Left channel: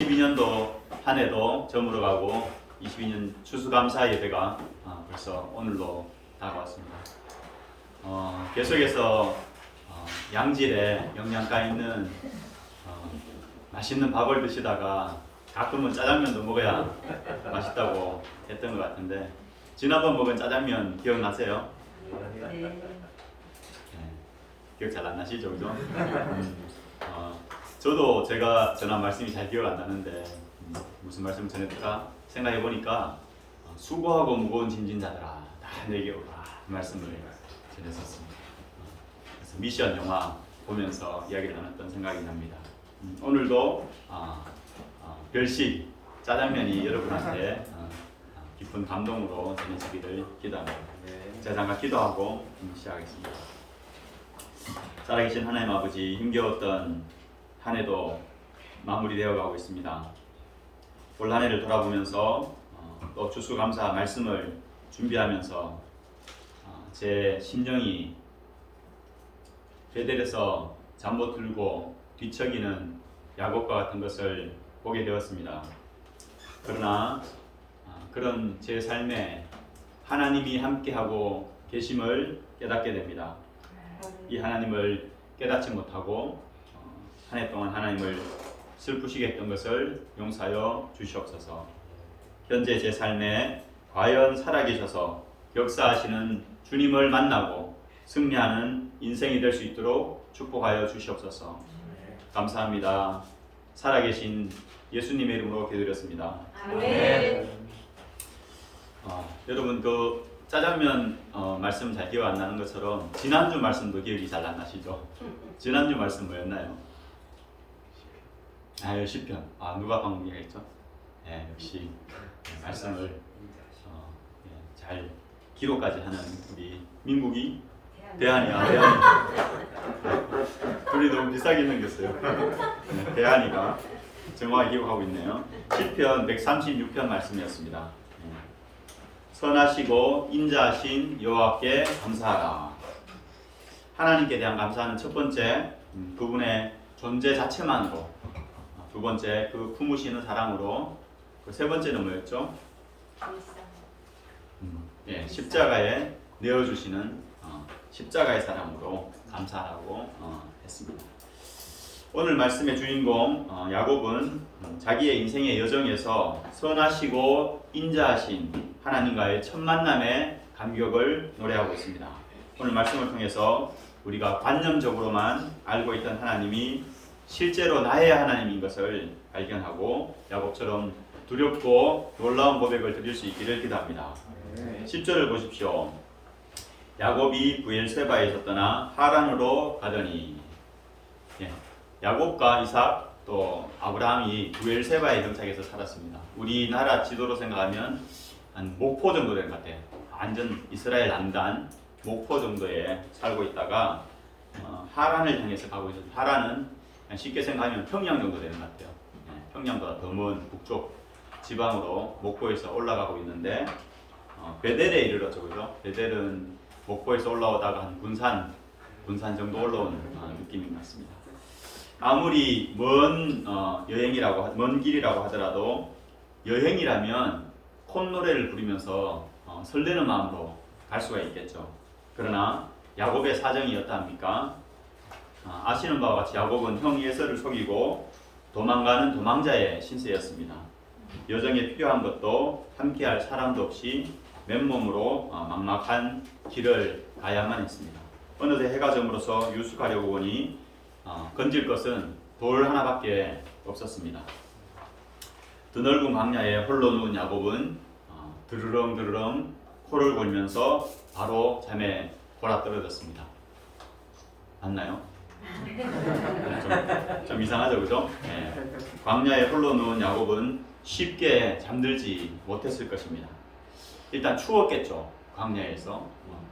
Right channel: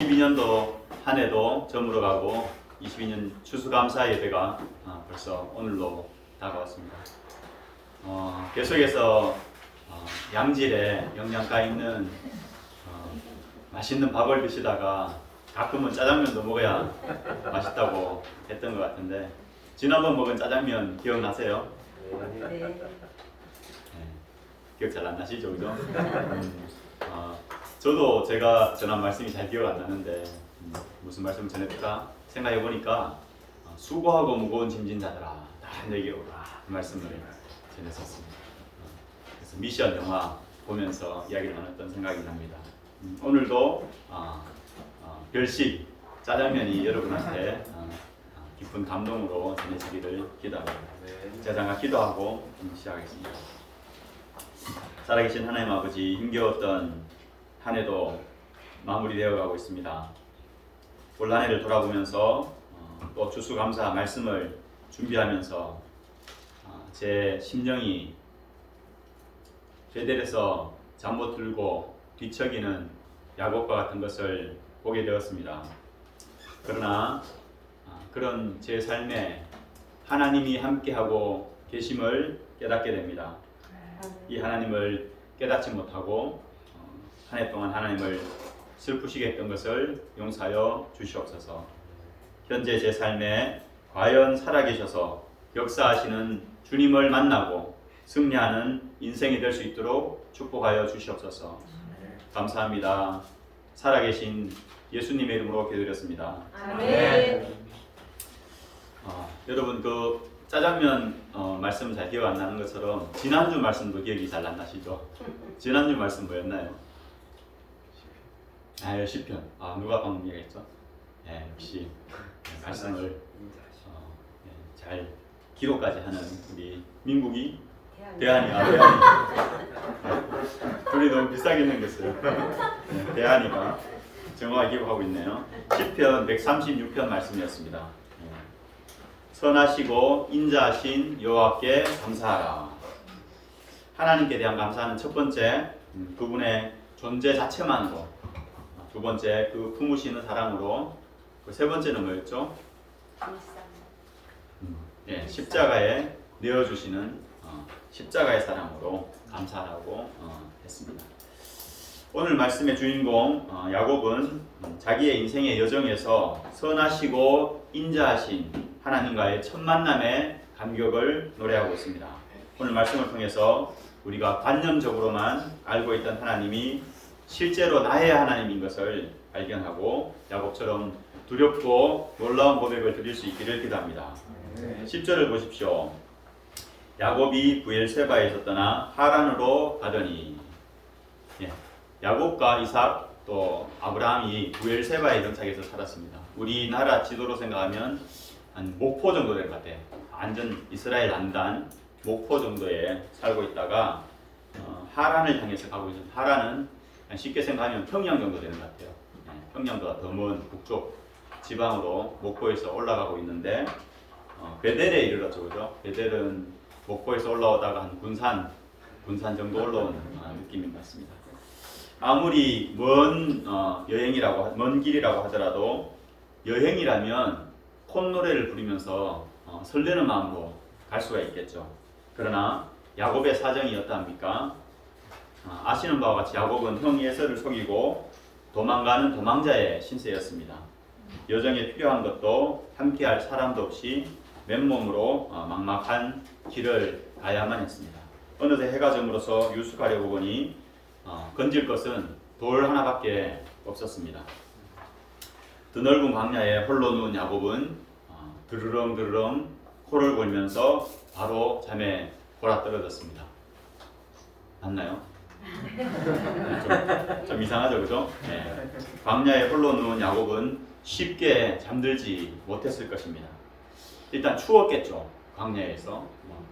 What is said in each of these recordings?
22년도 한 해도 저물어 가고 22년 추수감사 예배가 벌써 오늘로 다가왔습니다. 계속해서 양질의 영양가 있는 맛있는 밥을 드시다가 가끔은 짜장면도 먹어야 맛있다고 했던 것 같은데 지난번 먹은 짜장면 기억나세요? 네. 네, 기억 잘 안 나시죠, 그죠? 저도 제가 전한 말씀이 잘 기억 안 나는데 무슨 말씀을 전했을까 생각해 보니까 수고하고 무거운 짐진 자들아 다 내게 오라 말씀을 전했었습니다. 그래서 미션 영화 보면서 이야기를 나눴던 생각이 납니다. 오늘도 별식 짜장면이 여러분한테 깊은 감동으로 전해지기를 기도합니다. 제가 잠깐 기도하고 시작하겠습니다. 살아계신 하나님 아버지, 힘겨웠던 한 해도 마무리되어 가고 있습니다. 올 한 해를 돌아보면서 또 추수감사 말씀을 준비하면서 제 심령이 베델에서 잠 못 들고 뒤척이는 야곱과 같은 것을 보게 되었습니다. 그러나 그런 제 삶에 하나님이 함께하고 계심을 깨닫게 됩니다. 이 하나님을 깨닫지 못하고 한 해 동안 하나님을 슬프시게 했던 것을 용서하여 주시옵소서. 현재 제 삶에 과연 살아계셔서 역사하시는 주님을 만나고 승리하는 인생이 될 수 있도록 축복하여 주시옵소서. 감사합니다. 살아계신 예수님의 이름으로 기도드렸습니다. 아멘. 여러분 그 짜장면 말씀 잘 기억 안 나는 것처럼 지난주 말씀도 기억이 잘 안 나시죠? 지난주 말씀 뭐였나요? 시편. 누가 방금 얘기했죠? 역시 말씀을 잘 기록까지 하는 우리 민국이 대한이야. 둘이 너무 비싸게 생겼어요. 대한이가 정확하게 기록하고 있네요. 시편 136편 말씀이었습니다. 선하시고 인자하신 여호와께 감사하라. 하나님께 대한 감사는 첫 번째 그분의 존재 자체만으로, 두 번째 그 품으시는 사랑으로, 그 세 번째는 뭐였죠? 십자가에 내어주시는 십자가의 사랑으로 감사하라고 했습니다. 오늘 말씀의 주인공 야곱은 자기의 인생의 여정에서 선하시고 인자하신 하나님과의 첫 만남의 감격을 노래하고 있습니다. 오늘 말씀을 통해서 우리가 관념적으로만 알고 있던 하나님이 실제로 나의 하나님인 것을 발견하고 야곱처럼 두렵고 놀라운 고백을 드릴 수 있기를 기도합니다. 10절을 보십시오. 야곱이 브엘세바에서 떠나 하란으로 가더니, 야곱과 이삭 또 아브라함이 브엘세바에 정착해서 살았습니다. 우리나라 지도로 생각하면 한 목포 정도 되는 것 같아요. 완전 이스라엘 남단 목포 정도에 살고 있다가 하란을 향해서 가고 있어요. 하란은 쉽게 생각하면 평양 정도 되는 것 같아요. 평양보다 더 먼 북쪽 지방으로 목포에서 올라가고 있는데 베델에 이르렀죠, 그죠? 베델은 목포에서 올라오다가 한 군산 정도 올라온 느낌인 것 같습니다. 아무리 먼 길이라고 하더라도 여행이라면 콧노래를 부르면서 설레는 마음으로 갈 수가 있겠죠. 그러나 야곱의 사정이 어떠합니까? 아시는 바와 같이 야곱은 형 에서를 속이고 도망가는 도망자의 신세였습니다. 여정에 필요한 것도 함께할 사람도 없이 맨몸으로 막막한 길을 가야만 했습니다. 어느새 해가 저물어서 유숙하려고 보니 건질 것은 돌 하나밖에 없었습니다. 드넓은 광야에 홀로 누운 야곱은 드르렁 코를 골면서 바로 잠에 골아떨어졌습니다. 맞나요? 좀 이상하죠, 그죠? 광야에 홀로 누운 야곱은 쉽게 잠들지 못했을 것입니다. 일단 추웠겠죠. 광야에서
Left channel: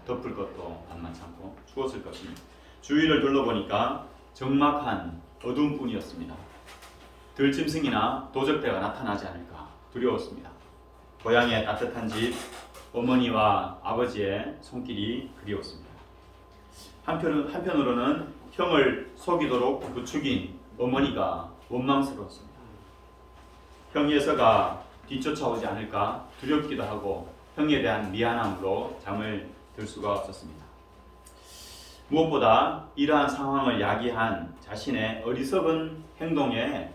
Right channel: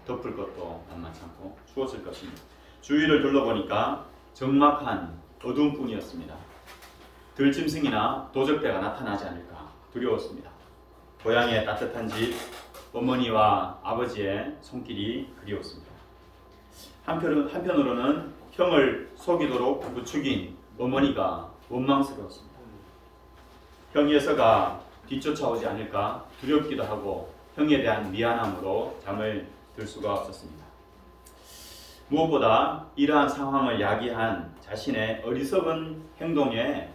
덮을 것도 만만치 않고 추웠을 것입니다. 주위를 둘러보니까 적막한 어둠뿐이었습니다. 들짐승이나 도적대가 나타나지 않을까 두려웠습니다. 고향의 따뜻한 집, 어머니와 아버지의 손길이 그리웠습니다. 한편으로는 형을 속이도록 부추긴 어머니가 원망스러웠습니다. 형 예서가 뒤쫓아오지 않을까 두렵기도 하고 형에 대한 미안함으로 잠을 들 수가 없었습니다. 무엇보다 이러한 상황을 야기한 자신의 어리석은 행동에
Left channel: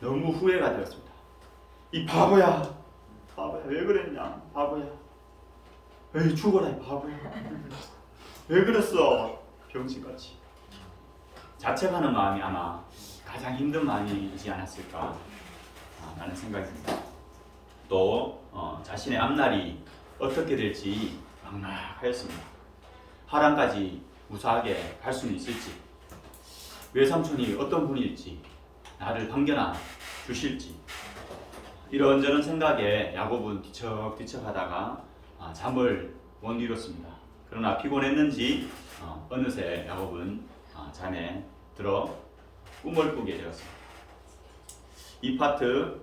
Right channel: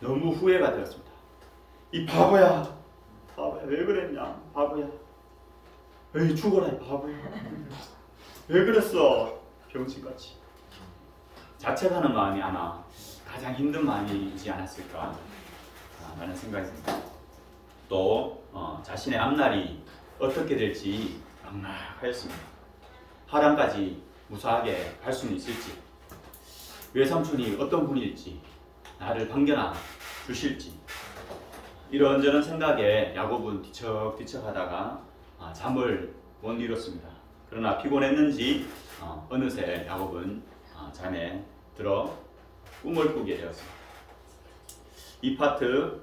너무 후회가 되었습니다. 이 바보야, 왜 그랬냐, 바보야. 에이, 죽어라 이 바보야. 왜 그랬어, 병신같이. 자책하는 마음이 아마 가장 힘든 마음이지 않았을까 라는 생각이 듭니다. 또 자신의 앞날이 어떻게 될지 막막하였습니다. 하란까지 무사하게 갈 수는 있을지, 외삼촌이 어떤 분일지, 나를 반겨나 주실지, 이런저런 생각에 야곱은 뒤척뒤척하다가 잠을 못 이뤘습니다. 그러나 피곤했는지 어느새 야곱은 잠에 들어 꿈을 꾸게 되었습니다. 이 파트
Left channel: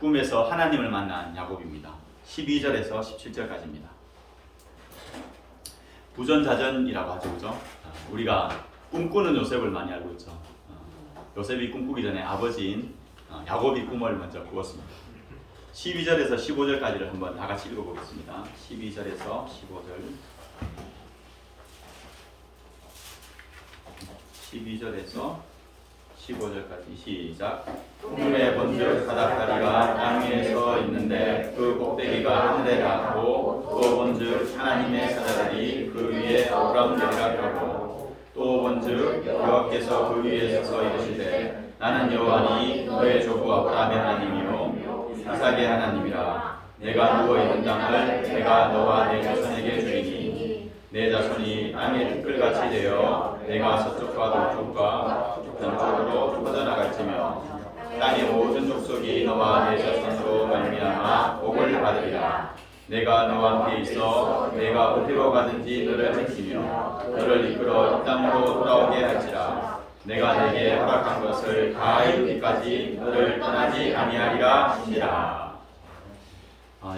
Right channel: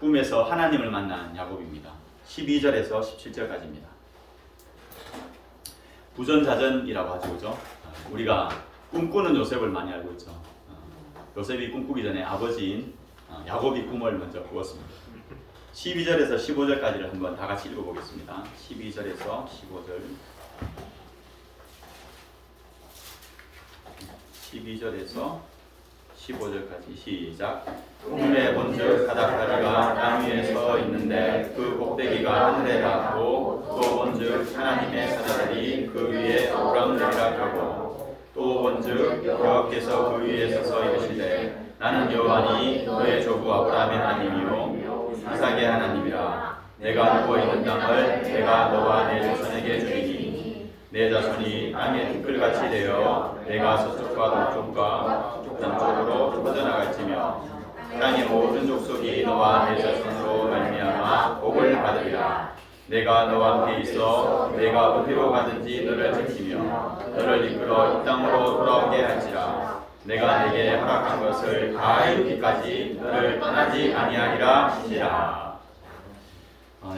꿈에서 하나님을 만난 야곱입니다. 12절에서 17절까지입니다. 부전자전이라고 하죠, 그죠? 우리가 꿈꾸는 요셉을 많이 알고 있죠. 요셉이 꿈꾸기 전에 아버지인 야곱이 꿈을 먼저 꾸었습니다. 12절에서 15절까지를 한번 다 같이 읽어보겠습니다. 12절에서 15절. 12절에서 15절까지 시작. 꿈에 본즉 사닥다리가 땅 위에 서 있는데 그 꼭대기가 하늘에 닿았고, 또 본즉 하나님의 사자들이 그 위에 오락내리락하고, 또 본즉 여호와께서 그 위에 서서 이르시되 나는 여호와니 너의 조부 아브라함의 하나님이요 이삭의 하나님이라. 내가 누워 있는 땅을 내가 너와 내 자손에게 주리니 내 자손이 땅의 티끌같이 되어 내가 서쪽과 동쪽과 남쪽으로 퍼져나갈지며 땅의 모든 족속이 너와 내 자손으로 말미암아 복을 받으리라. 내가 너와 함께 있어 내가 어디로 가든지 너를 지키며 너를 이끌어 이 땅으로 돌아오게 할지라. 내가 내게 허락한 것을 다 이루기까지 너를 떠나지 아니하리라 하시니라.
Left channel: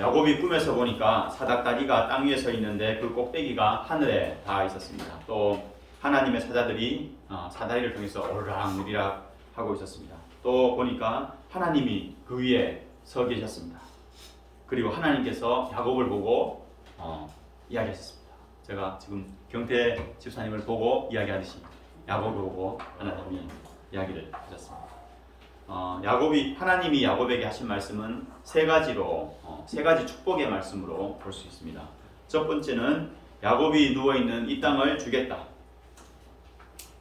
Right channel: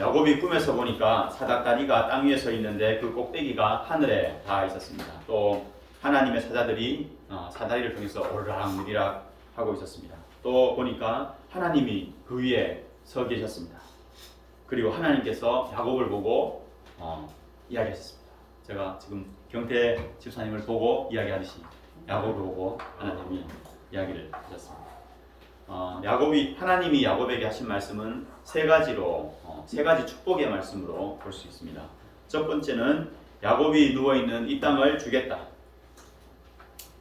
야곱이 꿈에서 보니까 사닥다리가 땅 위에 서 있는데 그 꼭대기가 하늘에 닿아 있었습니다. 또 하나님의 사자들이 사다리를 통해서 오르락내리락 하고 있었습니다. 또 보니까 하나님이 그 위에 서 계셨습니다. 그리고 하나님께서 야곱을 보고 이야기하셨습니다. 제가 지금 경태 집사님을 보고 이야기하듯이 야곱을 보고 하나님이 이야기를 하셨습니다. 하나님이 야곱에게 하신 말씀은 세 가지 축복의 말씀으로 볼 수 있습니다. 첫 번째는 야곱이 누워있는 이 땅을 주겠다.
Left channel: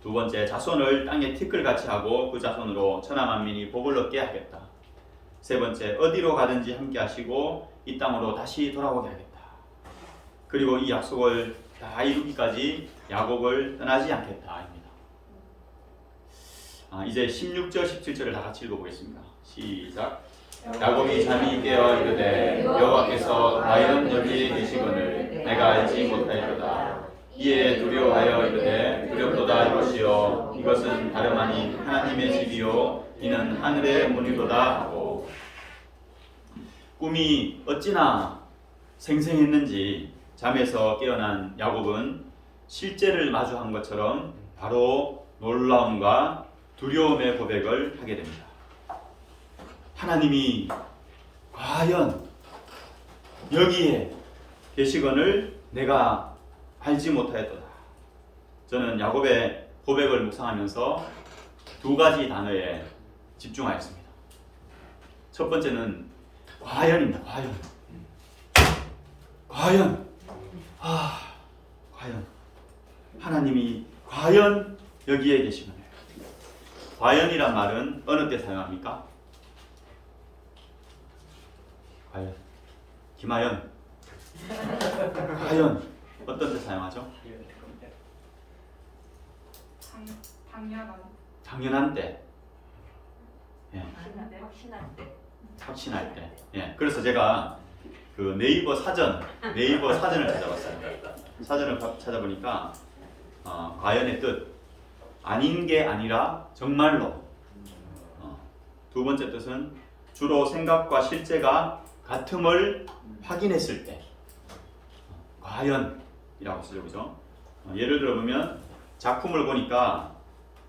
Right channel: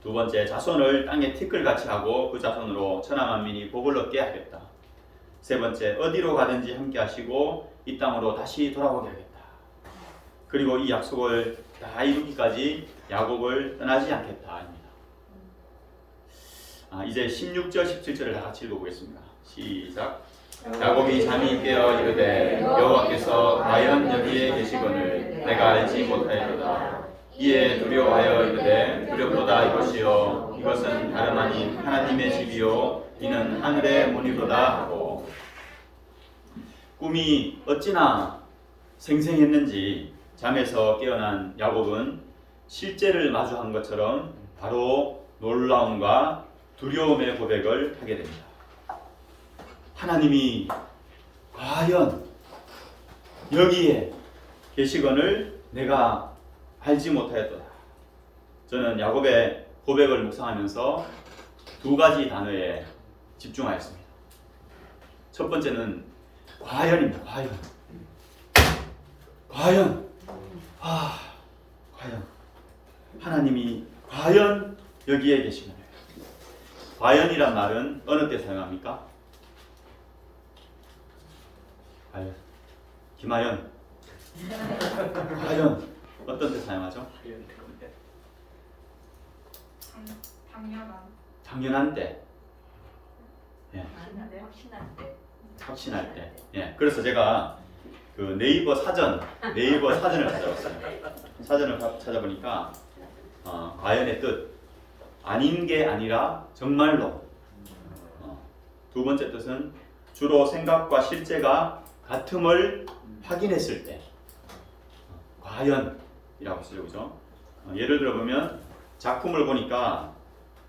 두 번째, 자손을 땅에 티끌같이 하고 그 자손으로 천하 만민이 복을 얻게 하겠다. 세 번째, 어디로 가든지 함께 하시고 이 땅으로 다시 돌아오게 하겠다. 그리고 이 약속을 다 이루기까지 야곱을 떠나지 않겠다. 이제 16절, 17절을 다 같이 읽어보겠습니다. 시작. 야곱이 잠이 깨어 이르되 여호와께서 과연 여기에 계시거늘 내가 알지 못하였도다. 이에 두려워하여 이르되 두렵도다 이것이요 이것은 다름 아닌 하나님의 집이요 이는 하늘의 문이로다 하고, 꿈이 어찌나 생생했는지 잠에서 깨어난 야곱은 실제를 마주한 것처럼 바로 놀라움과 두려움의 고백을 하게 됩니다. 하나님이 과연 여기에 계시거늘 내가 알지 못하였도다. 저는 야곱의 고백을 묵상하면서 두 가지 단어에 집중하였습니다. 첫 번째는 과연입니다. 과연. 과연. 하나님이 과연 여기에 계시거늘. 과연이란 말은 어느 때 사용합니까? 과연. 김하연. 과연 어떤 때 사용하죠? 당연한 때. 예. 확신할 때. 예. 그래서 제가 그 네이버 사전을 찾아봤어요. 사전을 찾아보니까 과연의 뜻, 아닌 게 아니라 정말로. 두 번째 뜻은 주로 생각과 실제가 같음을 확인했을 때. 과연이라고 쓰죠, 그죠? 예를 들어보면 작품을 보니까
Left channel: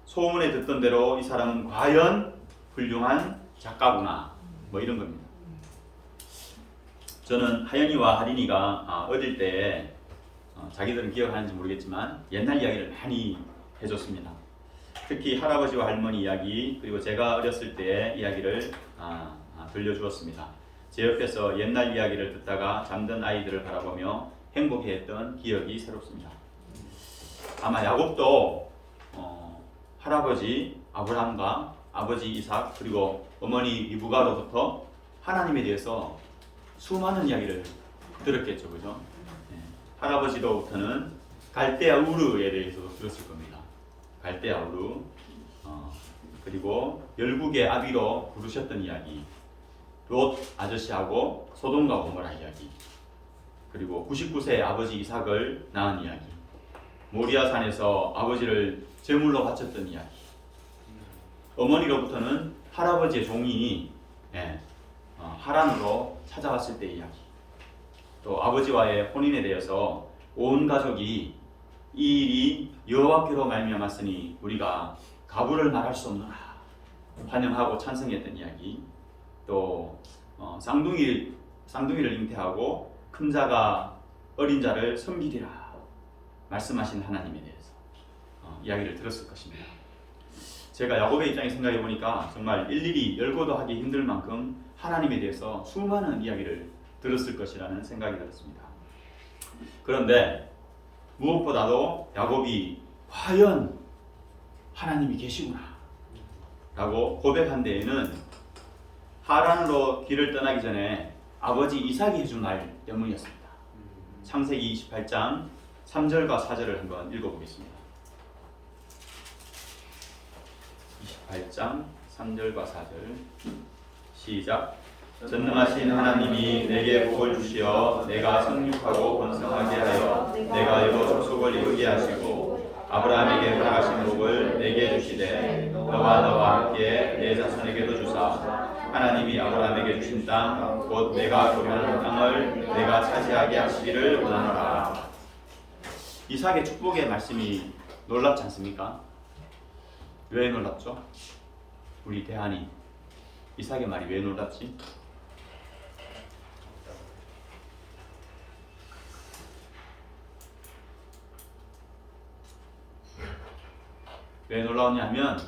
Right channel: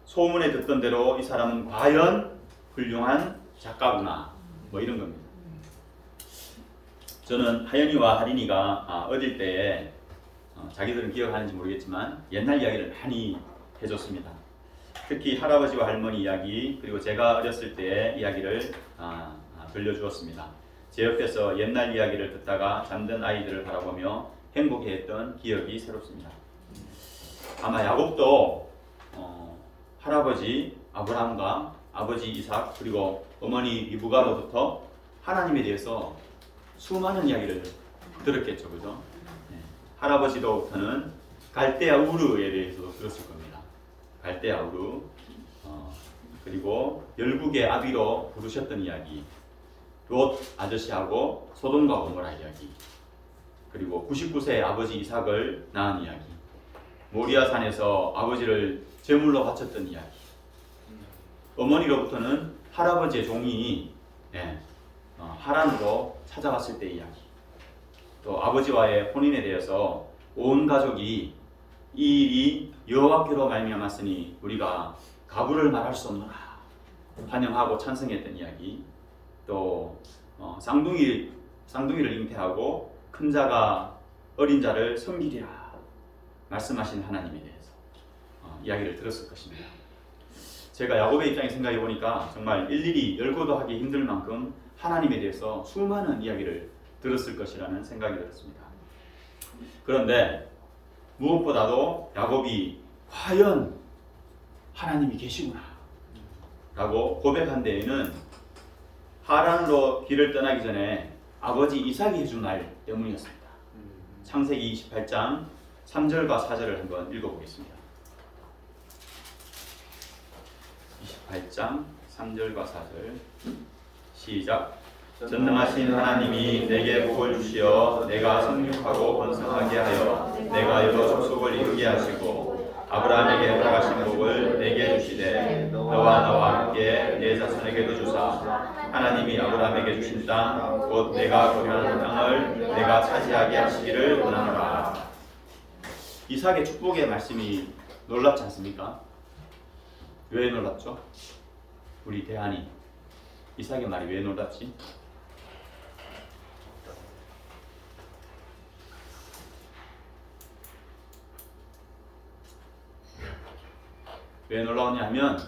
소문에 듣던 대로 이 사람은 과연 훌륭한 작가구나. 뭐 이런 겁니다. 저는 하연이와 하린이가 어릴 때에 자기들은 기억하는지 모르겠지만 옛날 이야기를 많이 해줬습니다. 특히 할아버지와 할머니 이야기, 그리고 제가 어렸을 때의 이야기를 들려주었습니다. 제 옆에서 옛날 이야기를 듣다가 잠든 아이들을 바라보며 행복해했던 기억이 새롭습니다. 아마 야곱도 할아버지 아브라함과 아버지 이삭 그리고 어머니 리브가로부터 하나님에 대해서 수많은 이야기를 들었겠죠, 그죠? 네. 할아버지로부터는 갈대아 우르에 대해서도 들었을 겁니다. 갈대아 우르, 그리고 열국의 아비로 부르셨던 이야기, 롯 아저씨하고 소돔과 고모라 이야기, 그리고 99세의 아버지 이삭을 낳은 이야기, 모리아산에서 아버지를 제물로 바쳤던 이야기, 어머니로부터는 할아버지의 종이 하란으로 찾아왔을 때의 이야기, 또 아버지와의 혼인에 대해서 온 가족이 이 일이 여호와께로 말미암았으니 우리가 가부를 말할 수 없노라 환영하고 찬성했던 이야기, 또 쌍둥이를 잉태하고 큰 자가 어린 자를 섬기리라 말씀하신 하나님에 대해서 이야기를 들었을 것입니다. 제가 야곱의 입장에 생각해 보니까 정말 일일이 열거도 하기 힘들 만큼 하나님에 대해서 수많은 이야기를 들었을 것이라는 생각이 들었습니다. 그런데 무엇보다도 야곱이 과연 하나님이 계시구나 라고 고백한 데에는 하란으로 길을 떠나기 전에 아버지 이삭이 해준 말 때문이었습니다. 창세기 28장 3절과 4절을 한번 읽어보겠습니다. 28장 3절과 4절 시작. 전능하신 하나님이 내게 복을 주시어 내가 성육하고 번성하게 하여 내가 여러 족속을 이루게 하시고 아브라함에게 허락하신 복을 내게 주시되 너와 함께 내 자손에게도 주사 하나님이 아브라함에게 주신 땅 곧 내가 거류하는 땅을 내가 차지하게 하시기를 원하노라. 이삭의 축복의 말씀이 놀랍지 않습니까? 왜 놀랍죠? 우리 대한이 이삭의 말이 왜 놀랍지? 왜 놀라우냐면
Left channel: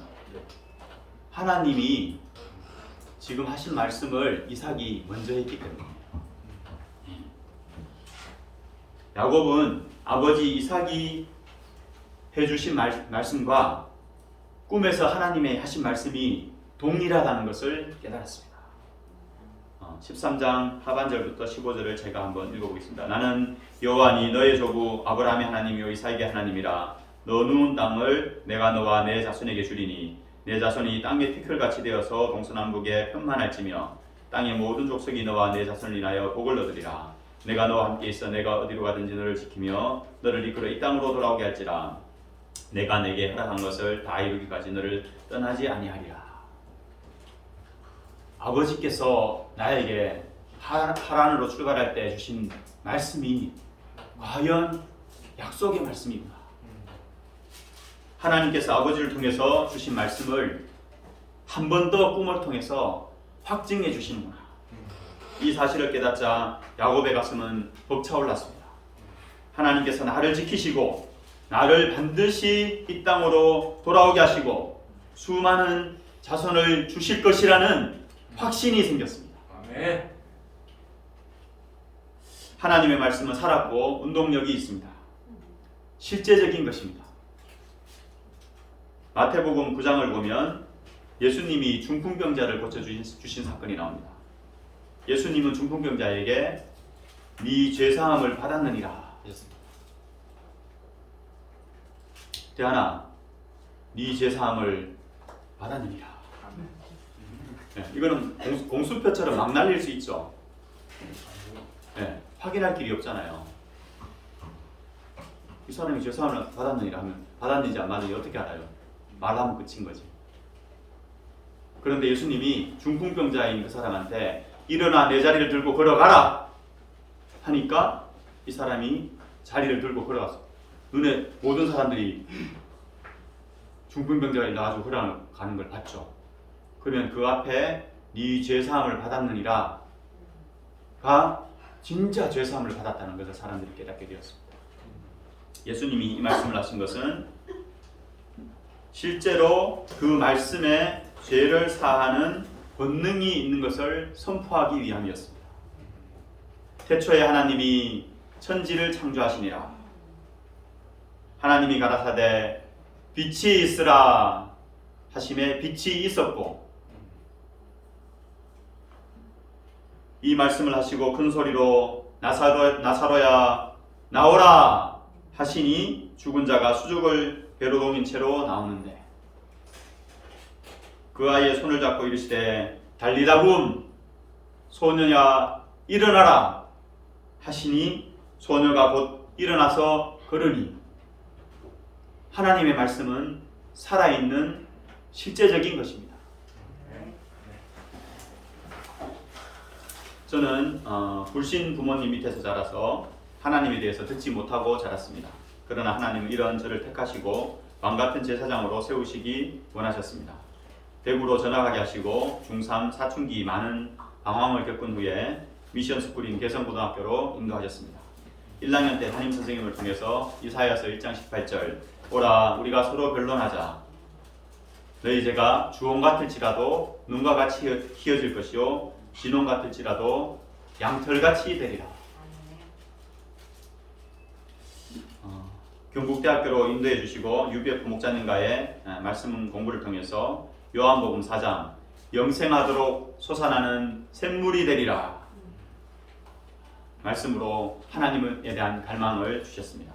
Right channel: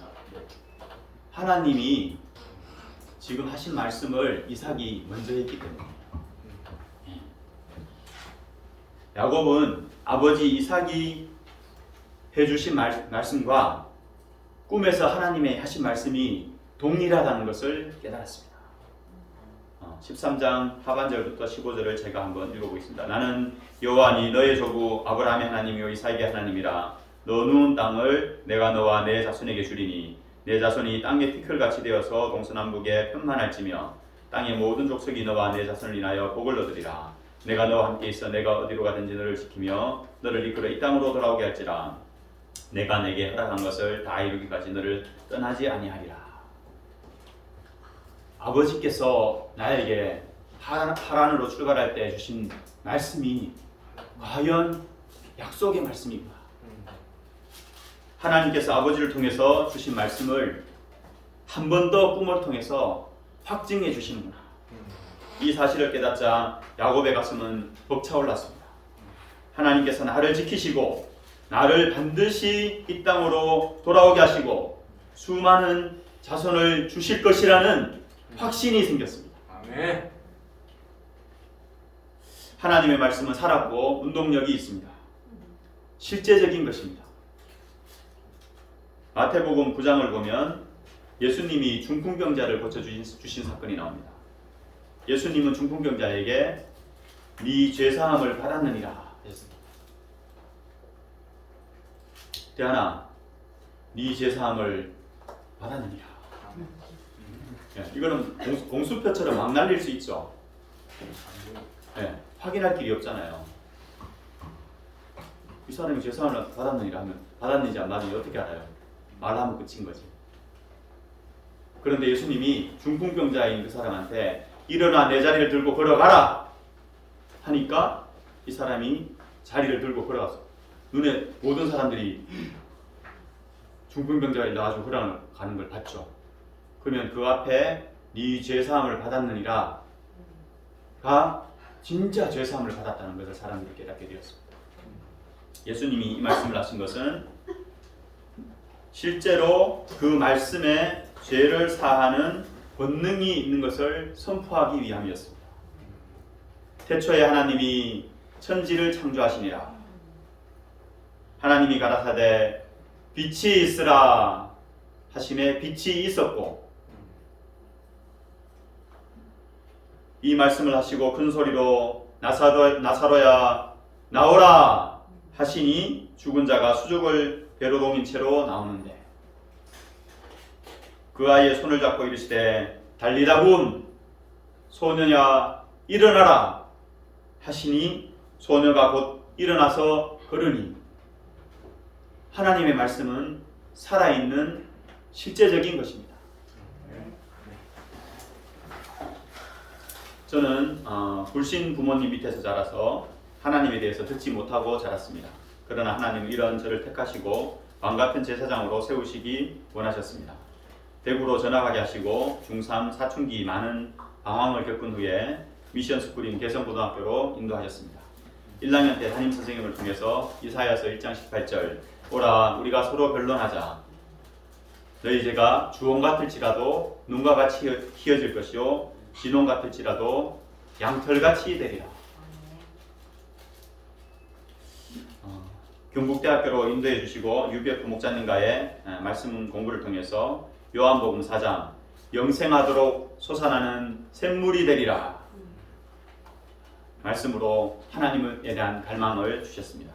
하나님이 지금 하신 말씀을 이삭이 먼저 했기 때문이에요. 야곱은 아버지 이삭이 해주신 말씀과 꿈에서 하나님의 하신 말씀이 동일하다는 것을 깨달았습니다. 13장 하반절부터 15절을 제가 한번 읽어보겠습니다. 나는 여호와니 너의 조부 아브라함의 하나님이요 이삭의 하나님이라. 너 누운 땅을 내가 너와 내 자손에게 주리니 내 자손이 땅의 티끌같이 되어서 동서남북에 편만할지며 땅의 모든 족속이 너와 내 자손을 인하여 복을 얻으리라. 내가 너와 함께 있어 내가 어디로 가든지 너를 지키며 너를 이끌어 이 땅으로 돌아오게 할지라. 내가 내게 허락한 것을 다 이루기까지 너를 떠나지 아니하리라. 아버지께서 나에게 하란으로 출발할 때 주신 말씀이 과연 약속의 말씀이구나. 하나님께서 아버지를 통해서 주신 말씀을 한 번 더 꿈을 통해서 확증해 주시는구나. 이 사실을 깨닫자 야곱의 가슴은 벅차올랐습니다. 하나님께서 나를 지키시고 나를 반드시 이 땅으로 돌아오게 하시고 수많은 자손을 주실 것이라는 확신이 생겼습니다. 아멘. 하나님의 말씀은 살았고 운동력이 있습니다. 실제적인 것입니다. 마태복음 9장을 보면 예수님이 중풍병자를 고쳐주신 사건이 나옵니다. 예수님은 중풍병자에게 네 죄사함을 받았느니라 하셨습니다. 대하나 네 죄사함을 받았느니라. 이거는 공수표처럼 막 날릴 수 있죠. 확인할 길이 없잖아요. 이 사람이 죄사함을 받았느니라 하면 받았는지 안 받았는지 어떻게 알아요? 말하면 끝인 거지. 그런데 예수님이 중풍병자인 그 사람한테 일어나 내 자리를 들고 걸어가라 하니까 이 사람이 자리를 들고 걸어갔어. 눈에 모든 사람들이 중풍병자가 일어나가지고 걸어가는 걸 봤죠. 그러면 그 앞에 네 죄사함을 받았느니라 가 진짜 죄사함을 받았다는 것을 사람들이 깨닫게 되었습니다. 예수님이 이 말씀을 하신 것은 실제로 그 말씀에 죄를 사하는 권능이 있는 것을 선포하기 위함이었습니다. 태초에 하나님이 천지를 창조하시니라. 하나님이 가라사대 빛이 있으라 하심에 빛이 있었고, 이 말씀을 하시고 큰 소리로 나사로야 나오라 하시니 죽은 자가 수족을 배로 동인 채로 나오는데, 그 아이의 손을 잡고 이르시되 달리다굼 소녀야 일어나라 하시니 소녀가 곧 일어나서 걸으니, 하나님의 말씀은 살아있는 실제적인 것입니다. 저는 불신 부모님 밑에서 자라서 하나님에 대해서 듣지 못하고 자랐습니다. 그러나 하나님은 이런 저를 택하시고 왕같은 제사장으로 세우시기 원하셨습니다. 대구로 전학하게 하시고 중3 사춘기 많은 방황을 겪은 후에 미션 스쿨인 개성고등학교로 인도하셨습니다. 1학년 때 담임 선생님을 통해서 이사야서 1장 18절 오라 우리가 서로 변론하자. 너희 죄가 주홍 같을지라도 눈과 같이 희어질 것이요 진홍 같을지라도 양털같이 되리라. 경북대학교로 인도해 주시고 유비혁 목자님과의 말씀 공부를 통해서 요한복음 4장 영생하도록 솟아나는 샘물이 되리라 말씀으로 하나님에 대한 갈망을 주셨습니다.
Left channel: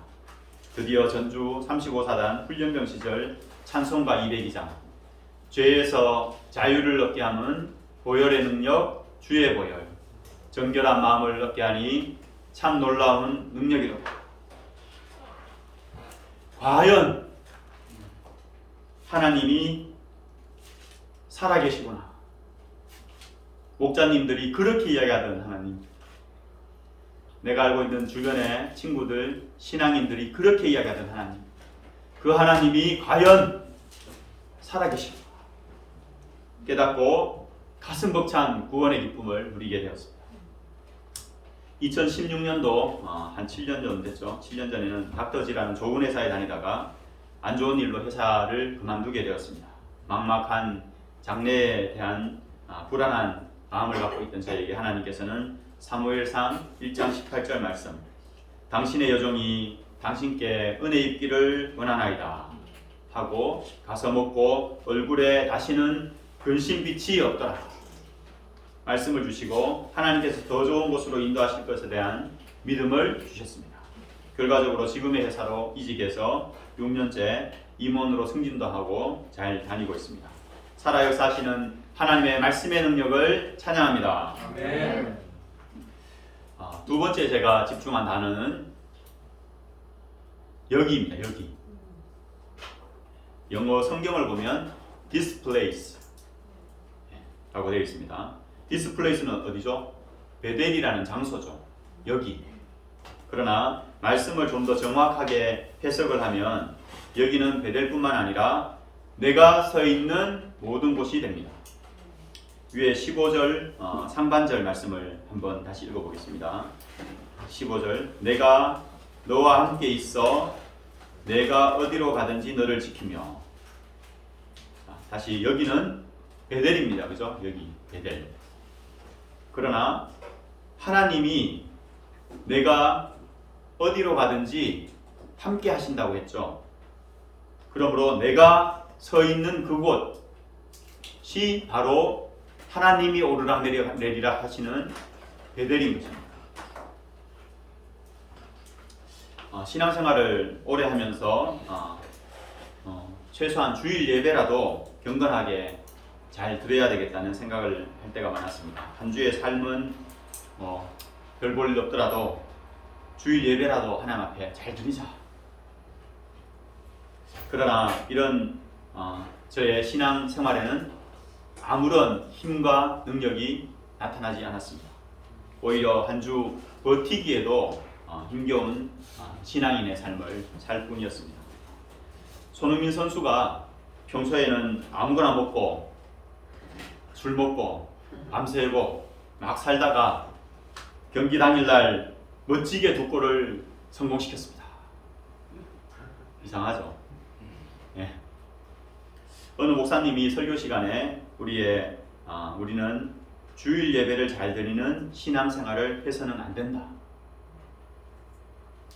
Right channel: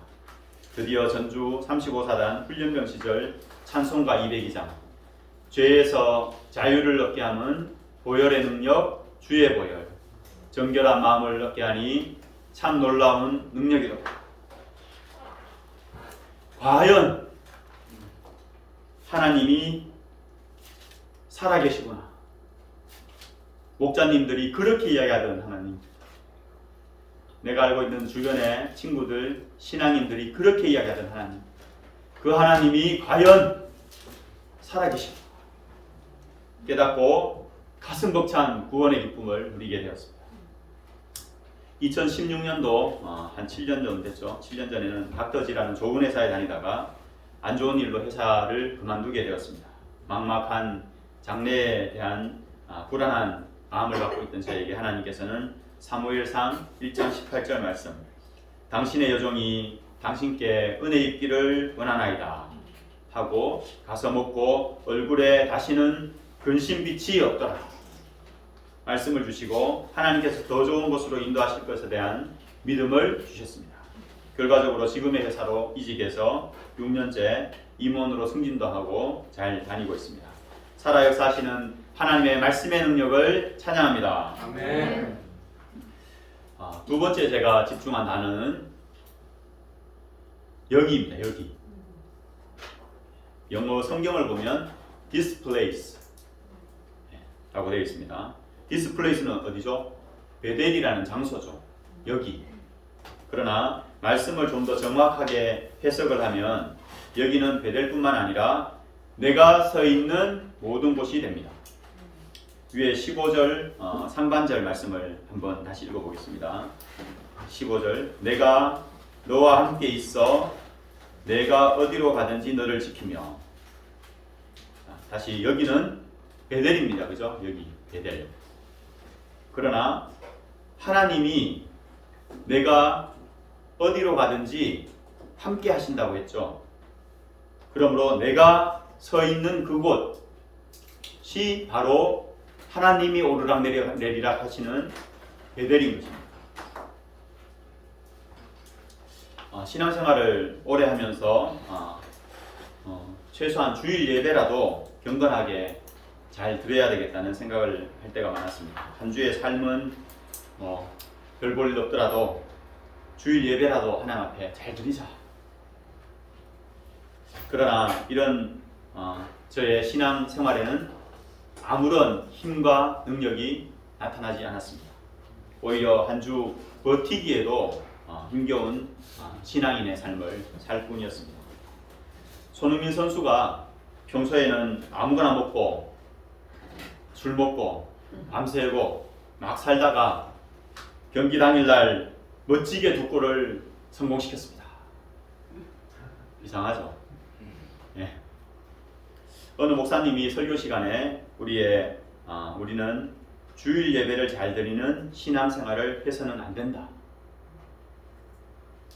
드디어 전주 35사단 훈련병 시절 찬송가 202장 죄에서 자유를 얻게 함은 보혈의 능력 주의 보혈 정결한 마음을 얻게 하니 참 놀라운 능력이로다. 과연 하나님이 살아계시구나. 목자님들이 그렇게 이야기하던 하나님, 내가 알고 있는 주변의 친구들, 신앙인들이 그렇게 이야기하던 하나님, 그 하나님이 과연 살아계시구나 깨닫고 가슴 벅찬 구원의 기쁨을 누리게 되었습니다. 2016년도 한 7년 전 됐죠. 7년 전에는 닥터지라는 좋은 회사에 다니다가 안 좋은 일로 회사를 그만두게 되었습니다. 막막한 장래에 대한 불안한 마음을 갖고 있던 저에게 하나님께서는 사무엘상 1장 18절 말씀 당신의 여종이 당신께 은혜 입기를 원하나이다 하고 가서 먹고 얼굴에 다시는 근심빛이 없더라 말씀을 주시고 하나님께서 더 좋은 곳으로 인도하실 것에 대한 믿음을 주셨습니다. 결과적으로 지금의 회사로 이직해서 6년째 임원으로 승진도 하고 잘 다니고 있습니다. 살아 역사하시는 하나님의 말씀의 능력을 찬양합니다. 아멘. 두 번째 제가 집중한 단어는 여기입니다. 여기. 영어 성경을 보면 this place 라고 되어 있습니다. this place는 어디죠? 베델이라는 장소죠. 여기. 그러나 말씀을 좀 더 정확하게 해석을 하면 여기는 베델뿐만 아니라 내가 서 있는 모든 곳이 됩니다. 위에 15절 상반절 말씀을 한번 다시 읽어보겠습니다. 15절 내가 너와 함께 있어 내가 어디로 가든지 너를 지키며. 다시 여기는 베델입니다. 그죠? 여기 베델. 그러나 하나님이 내가 어디로 가든지 함께 하신다고 했죠. 그러므로 내가 서 있는 그곳이 바로 하나님이 오르락 내리락 하시는 베델인 것입니다. 신앙생활을 오래 하면서 최소한 주일 예배라도 경건하게 잘 드려야 되겠다는 생각을 할 때가 많았습니다. 한 주의 삶은 별 볼 일 없더라도 주일 예배라도 하나님 앞에 잘 드리자. 그러나 이런 저의 신앙 생활에는 아무런 힘과 능력이 나타나지 않았습니다. 오히려 한 주 버티기에도 힘겨운 신앙인의 삶을 살 뿐이었습니다. 손흥민 선수가 평소에는 아무거나 먹고 술 먹고 밤새고 막 살다가 경기 당일날 멋지게 두 골을 성공시켰습니다. 이상하죠? 예. 어느 목사님이 설교 시간에 우리는 주일 예배를 잘 드리는 신앙생활을 해서는 안 된다.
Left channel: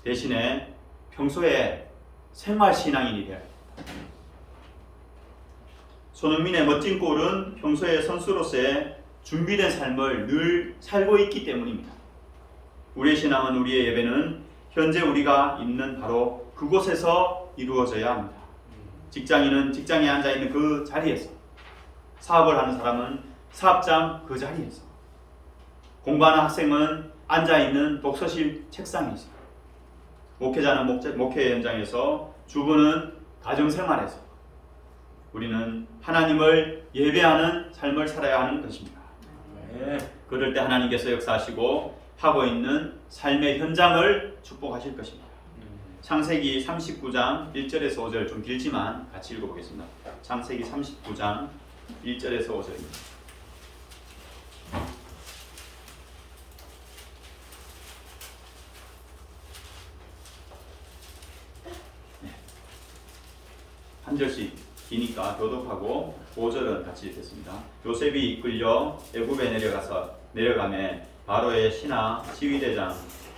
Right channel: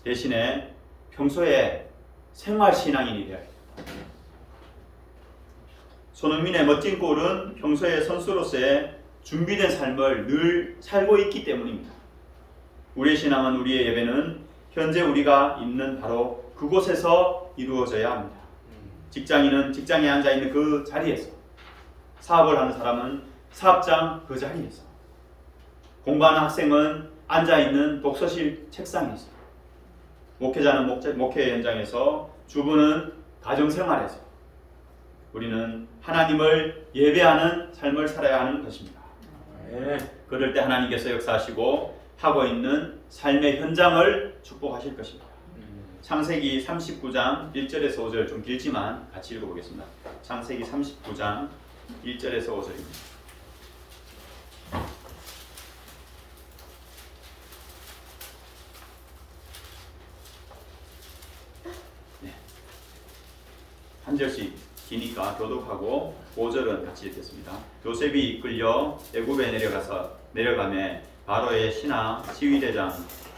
대신에 평소에 생활신앙인이 되어야 된다. 손흥민의 멋진 골은 평소에 선수로서의 준비된 삶을 늘 살고 있기 때문입니다. 우리의 신앙은, 우리의 예배는 현재 우리가 있는 바로 그곳에서 이루어져야 합니다. 직장인은 직장에 앉아있는 그 자리에서, 사업을 하는 사람은 사업장 그 자리에서, 공부하는 학생은 앉아있는 독서실 책상에서, 목회자는 목회 현장에서, 주부는 가정생활에서 우리는 하나님을 예배하는 삶을 살아야 하는 것입니다. 그럴 때 하나님께서 역사하시고 하고 있는 삶의 현장을 축복하실 것입니다. 창세기 39장 1절에서 5절, 좀 길지만 같이 읽어보겠습니다. 창세기 39장 1절에서 5절입니다. 한 절씩 기니까 교독하고 5절은 같이 읽겠습니다. 요셉이 이끌려 애굽에 내려가매 바로의 신하 지휘대장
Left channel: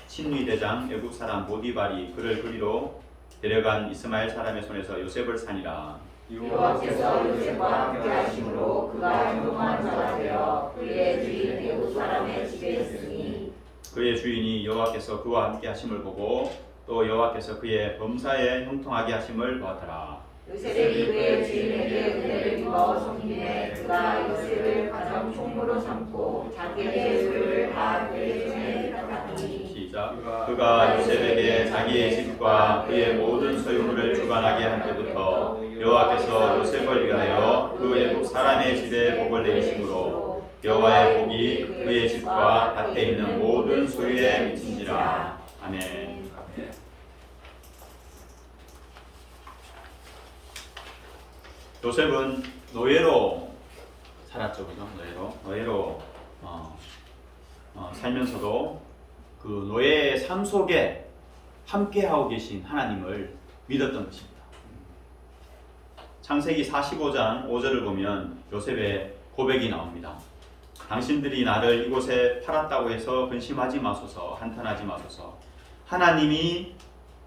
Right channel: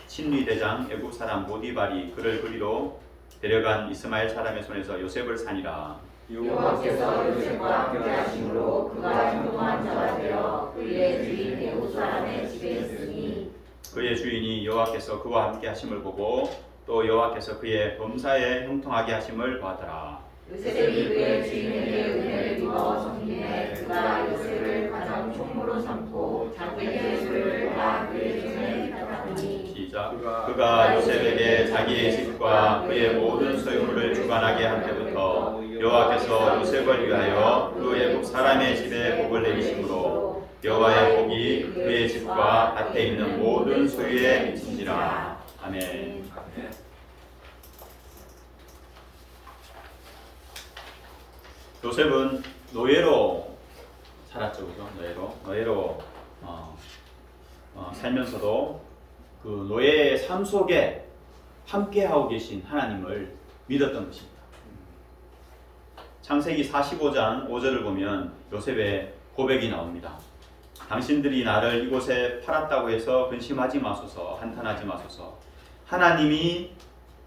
친위대장 애굽 사람 보디발이 그를 그리로 데려간 이스마엘 사람의 손에서 요셉을 산이라. 여호와께서 요셉과 함께 하심으로 그가 형통한 자가 되어 그의 주인 애굽 사람의 집에 있으니 그의 주인이 여호와께서 그와 함께 하심을 보고 또 여호와께서 그의 범사에 형통하게 하심을 보았더라. 요셉이 그의 주인에게 은혜를 입어 섬기매 그가 요셉을 가장 총무로 삼고 자기의 수를 다 그의 손에 위탁하니 시작. 그가 요셉에게 자기의 집과 그의 모든 소유물을 주관하게 한 때부터 여호와께서 요셉을 위하여 그 애굽 사람의 집에 복을 내리심으로 여호와의 복이 그의 집과 밭에 있는 모든 소유에 미친지라. 아멘. 요셉은 노예로 살았죠, 그죠? 노예로 살면서도 그 노예의 삶 속에 함께하고 계신 하나님을 믿었던 것입니다. 창세기 45장 5절을 보면 요셉의 고백이 나옵니다. 당신들이 나를 이곳에 팔았다고 해서 근심하지 마소서, 한탄하지 마소서. 하나님이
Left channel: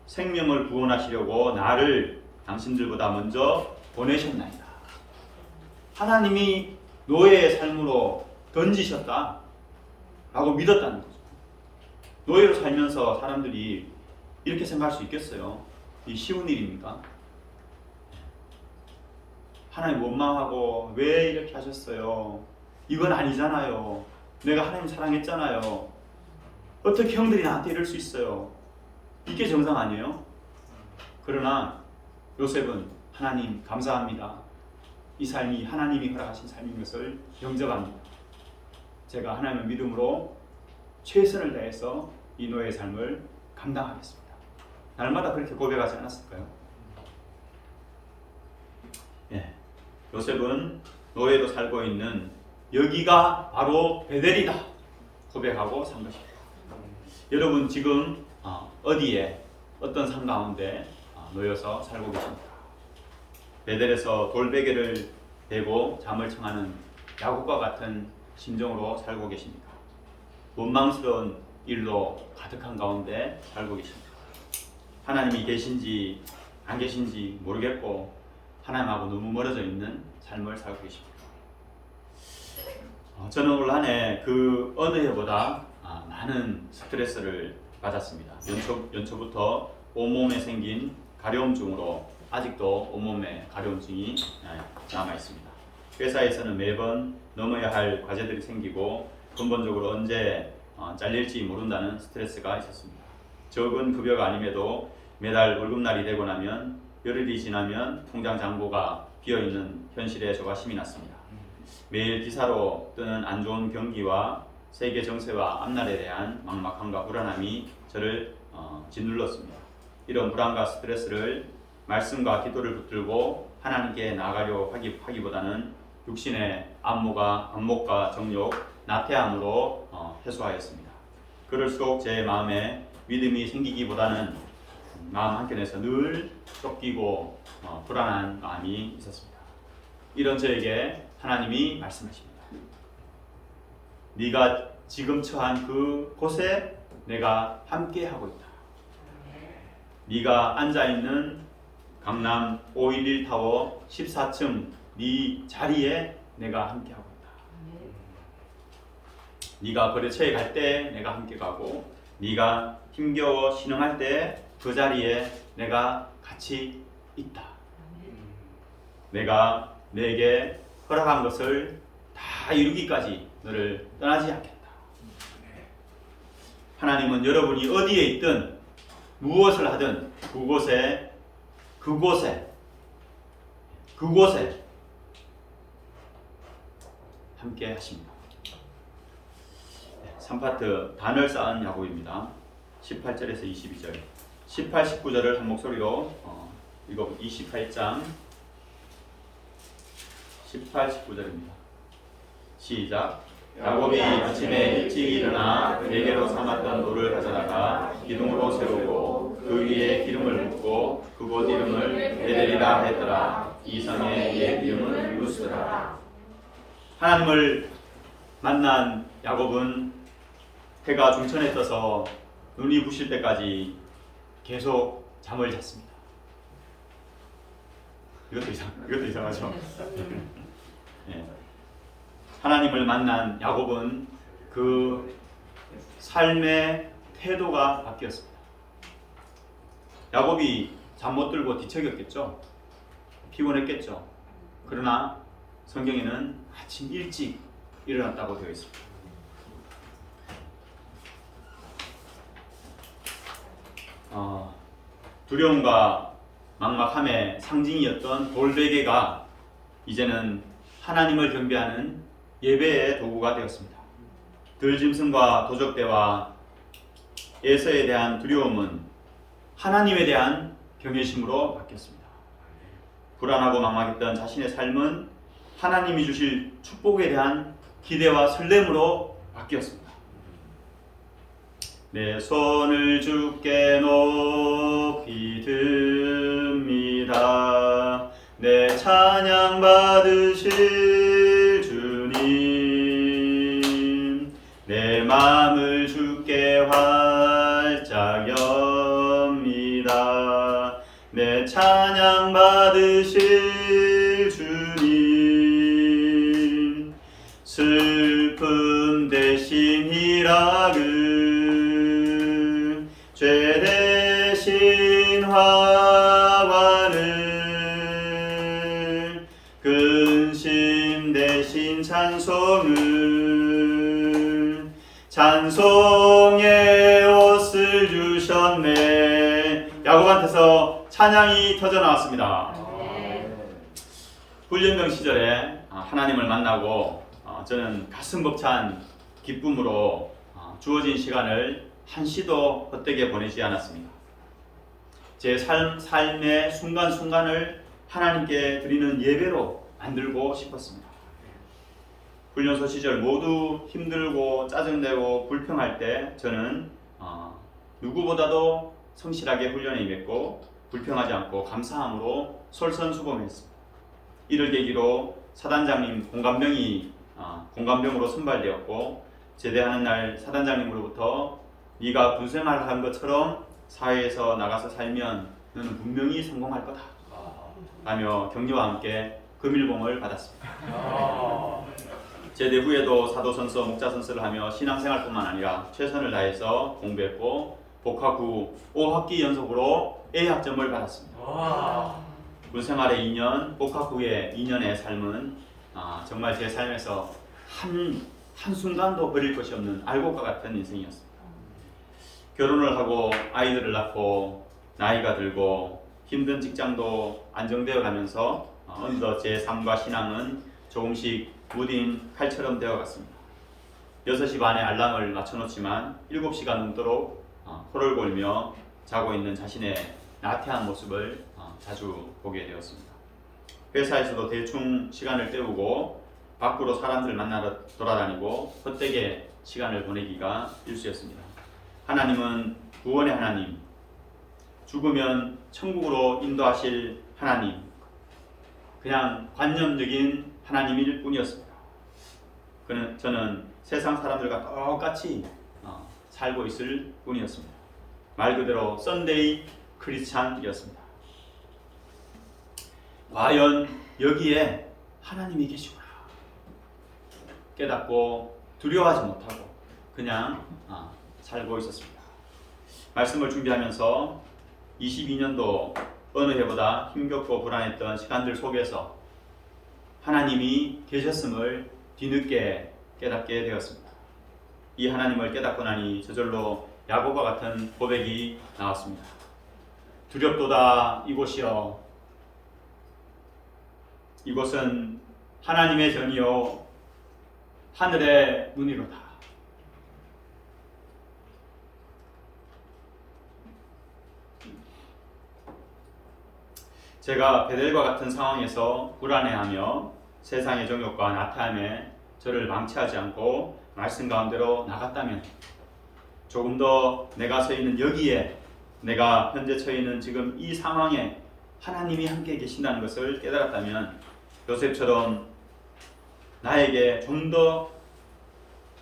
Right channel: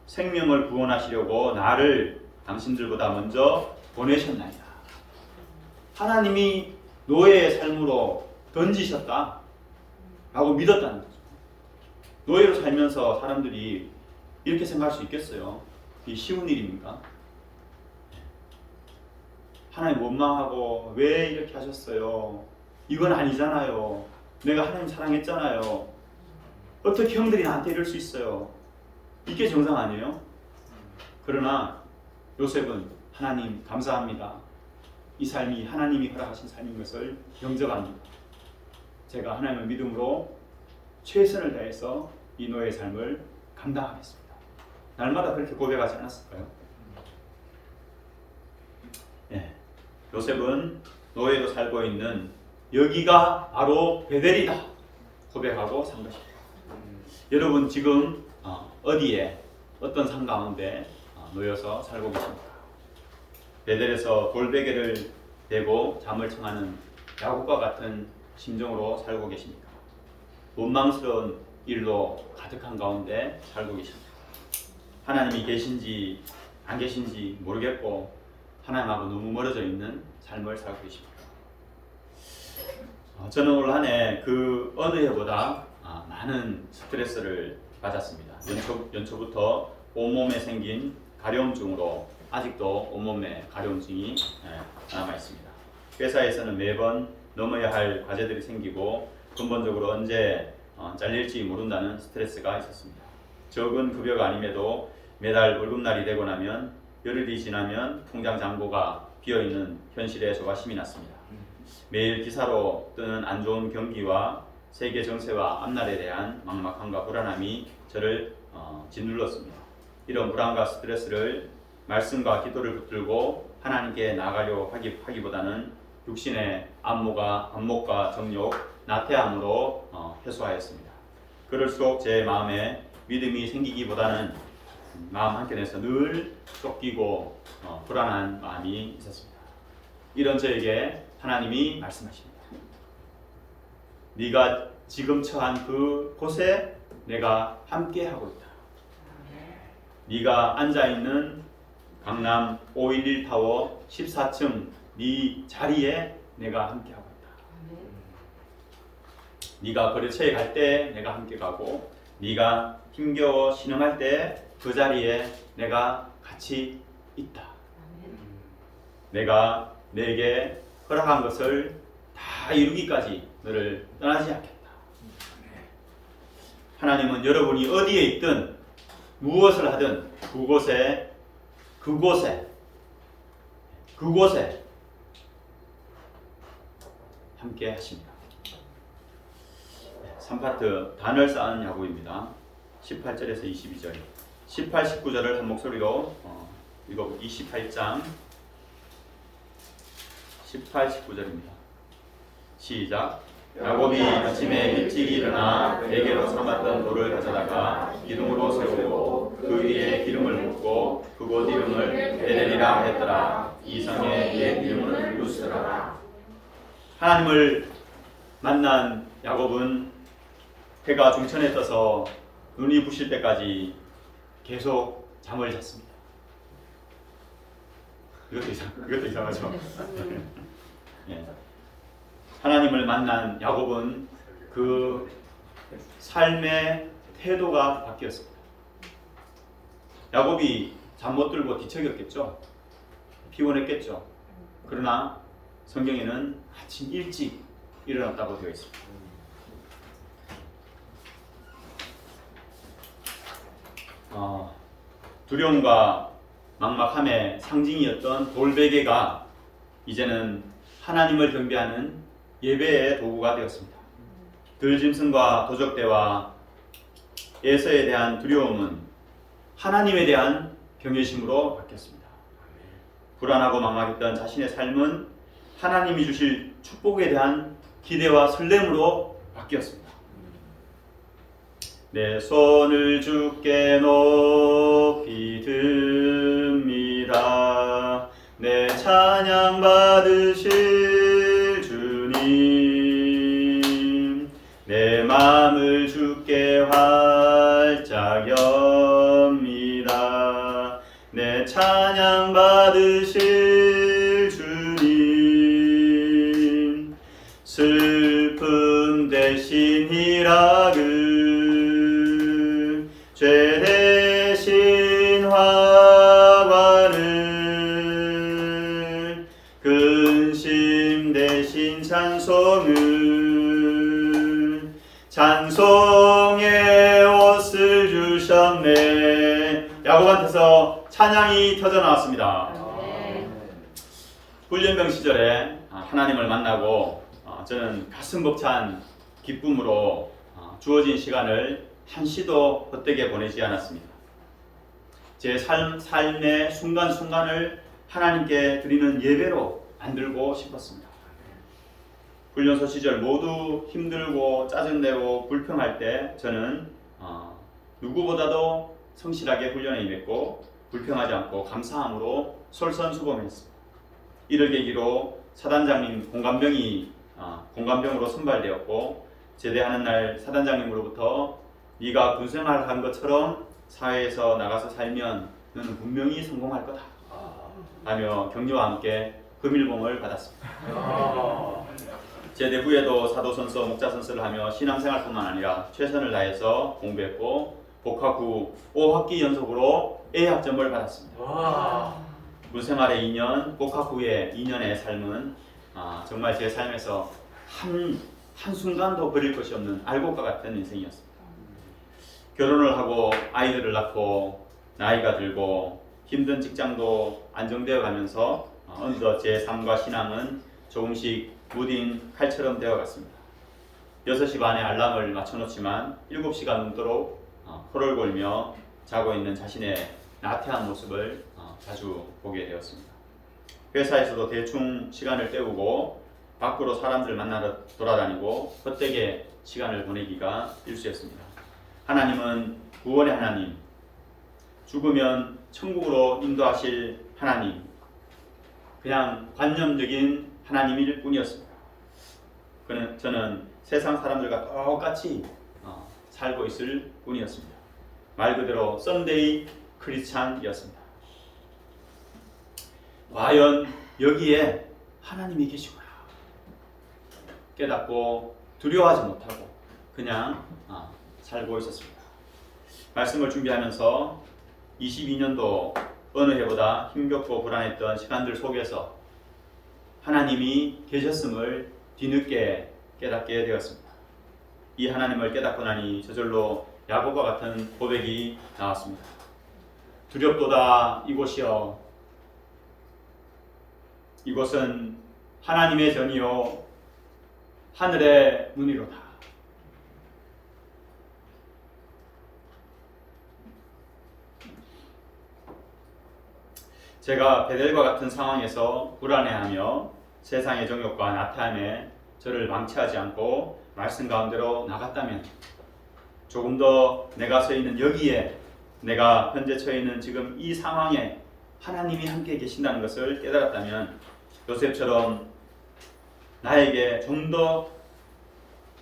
생명을 구원하시려고 나를 당신들보다 먼저 보내셨나이다. 하나님이 노예의 삶으로 던지셨다 라고 믿었다는 거죠. 노예로 살면서 사람들이 이렇게 생각할 수 있겠어요? 이 쉬운 일입니까? 하나님 원망하고 왜 이렇게 하셨어요? 이건 아니잖아요. 내가 하나님 사랑했잖아요. 어떻게 형들이 나한테 이럴 수 있어요? 이게 정상 아니에요? 그러나 요셉은 하나님 감사합니다. 이 삶이 하나님이 허락하신 삶인 것을 영접합니다. 제가 하나님의 믿음으로 최선을 다해서 이 노예의 삶을 감당하겠습니다. 날마다 그렇게 고백하지 않았을까요? 예, 요셉은 노예로 살고 있는 여기가 바로 베델이다 고백하고 산 것입니다. 여러분 지금 어디에 어떤 산 가운데 놓여서 살고 계십니까? 베델에서 돌베개를 대고 잠을 청하는 야곱과 같은 심정으로 살고 계십니까? 원망스러운 일로 가득한 가운데 살고 계십니까? 하나님이 계신지 안 계신지 모르겠고 하나님하고 너무 멀어져 있는 삶을 살고 계십니까? 저는 올 한 해 그 어느 해보다 많은 스트레스를 받았습니다. 연초부터 온몸에 생긴 가려움증으로 아직도 온몸에 가려움증이 남아 있습니다. 회사에서는 매번 넘어야 할 과제들이 생기고 근본적으로 언제 잘릴지 모른다는 스트레스가 있었습니다. 적은 급여가 아님에도 매달 월급날이 되고 나면 열흘이 지나면 통장 잔고가 비어있는 현실에 저가 힘이 났습니다. 매일 기사로 뜨는 안 좋은 경기와 세계 정세와 앞날에 대한 막막함과 불안함이 저를 짓눌렀습니다. 이런 불안과 스트레스를 말씀과 기도를 붙들고 하나님께 나아가려고 하기보다는 육신의 안목과 정욕, 나태함으로 해소하였습니다. 그럴수록 제 마음에 믿음이 생기기보다는 마음 한켠에서 늘 쫓기고 불안한 마음이 있었습니다. 이런 저에게 하나님이 말씀하십니다. 네가 지금 처한 그 곳에 내가 함께하고 있다. 네가 앉아있는 강남 511타워 14층 네 자리에 내가 함께하고 있다. 네가 거래처에 갈 때 내가 함께 가고 네가 힘겨워 신음할 때 그 자리에 내가 같이 있다. 내가 내게 허락한 것을 다 이루기까지 너를 떠나지 않겠다. 하나님은 여러분이 어디에 있든 무엇을 하든 그곳에 함께 하십니다. 3파트 단을 쌓은 야곱입니다. 18절에서 22절 18, 19절을 한 목소리로 읽어보고 28장 18, 19절입니다. 시작. 야곱이 아침에 일찍 일어나 대게로 삼았던 돌을 가져다가 기둥으로 세우고 그 위에 기름을 붓고 그곳 이름을 베델이라 했더라. 이 성의 옛 이름은 루스라. 하나님을 만난 야곱은 해가 중천에 떠서 눈이 부실 때까지 계속 잠을 잤습니다. 이것도 이상하죠? 예. 하나님을 만난 야곱은 그 삶의 태도가 바뀌었습니다. 야곱이 잠 못 들고 뒤척였겠죠? 피곤했겠죠? 그러나 성경에는 아침 일찍 일어났다고 되어 있습니다. 두려움과 막막함의 상징이었던 돌베개가 이제는 하나님을 경배하는 예배의 도구가 되었습니다. 들짐승과 도적대와 에서에 대한 두려움은 하나님에 대한 경외심으로 바뀌었습니다. 불안하고 막막했던 자신의 삶은 하나님이 주실 축복에 대한 기대와 설렘으로 바뀌었습니다. 내 손을 주께 높이 듭니다. 내 찬양 받으실 주님, 내 마음을 주께 활짝 엽니다. 내 찬양 받으실 주님, 슬픔 대신 희락을 죄 대신 화관을 근심 대신 찬송을 찬송의 옷을 주셨네. 야곱한테서 찬양이 터져 나왔습니다. 훈련병 시절에 하나님을 만나고 저는 가슴 벅찬 기쁨으로 주어진 시간을 한시도 헛되게 보내지 않았습니다. 제 삶의 순간순간을 하나님께 드리는 예배로 만들고 싶었습니다. 훈련소 시절 모두 힘들고 짜증내고 불평할 때 저는 누구보다도 성실하게 훈련에 임했고 불평하지 않고 감사함으로 솔선수범했습니다. 이를 계기로 사단장님 공감병으로 선발되었고 제대하는 날 사단장님으로부터 네가 군생활 한 것처럼 사회에서 나가서 살면 너는 분명히 성공할 거다 하며 격려와 함께 금일봉을 받았습니다. 제대 후에도 사도선서, 목자선서를 하며 신앙생활뿐만 아니라 최선을 다해서 공부했고 복학 후 5학기 연속으로 A학점을 받았습니다. 군생활의 2년, 복학 후의 2년의 삶은 정말 제 삶에서 한순간도 버릴 것이 없는 알곡과 같은 인생이었습니다. 결혼을 하고 아이들을 낳고 나이가 들고 힘든 직장도 안정되어 가면서 어느덧 제 삶과 신앙은 조금씩 무딘 칼처럼 되어갔습니다. 6시 반에 알람을 맞춰놓지만 7시가 넘도록 코를 골며 자고 있는 자신의 나태한 모습을 자주 보게 되었습니다. 회사에서도 대충 시간을 때우고 밖으로 사람들 만나러 돌아다니고 헛되게 시간을 보내기가 일쑤였습니다. 하나님은 구원의 하나님, 죽으면 천국으로 인도하실 하나님, 그냥 관념적인 하나님일 뿐이었습니다. 저는 세상 사람들과 똑같이 살고 있을 뿐이었습니다. 말 그대로 썬데이 크리스찬이었습니다. 과연 여기에 하나님이 계시구나 깨닫고 두려워하지 못하고 그냥 살고 있었습니다. 말씀을 준비하면서 22년도 어느 해보다 힘겹고 불안했던 시간들 속에서 하나님이 계셨음을 뒤늦게 깨닫게 되었습니다. 이 하나님을 깨닫고 나니 저절로 야고보와 같은 고백이 나왔습니다. 두렵도다 이곳이여, 이곳은 하나님의 전이요 하늘의 문이로다. 제가 베델과 같은 상황에서 불안해하며 세상의 정욕과 나태함에 저를 망치하지 않고 말씀 가운데로 나갔다면, 조금 더 내가 서 있는 여기에, 내가 현재 처해 있는 지금 이 상황에 하나님이 함께 계신다는 것을 깨달았다면 요셉처럼 나에게 좀 더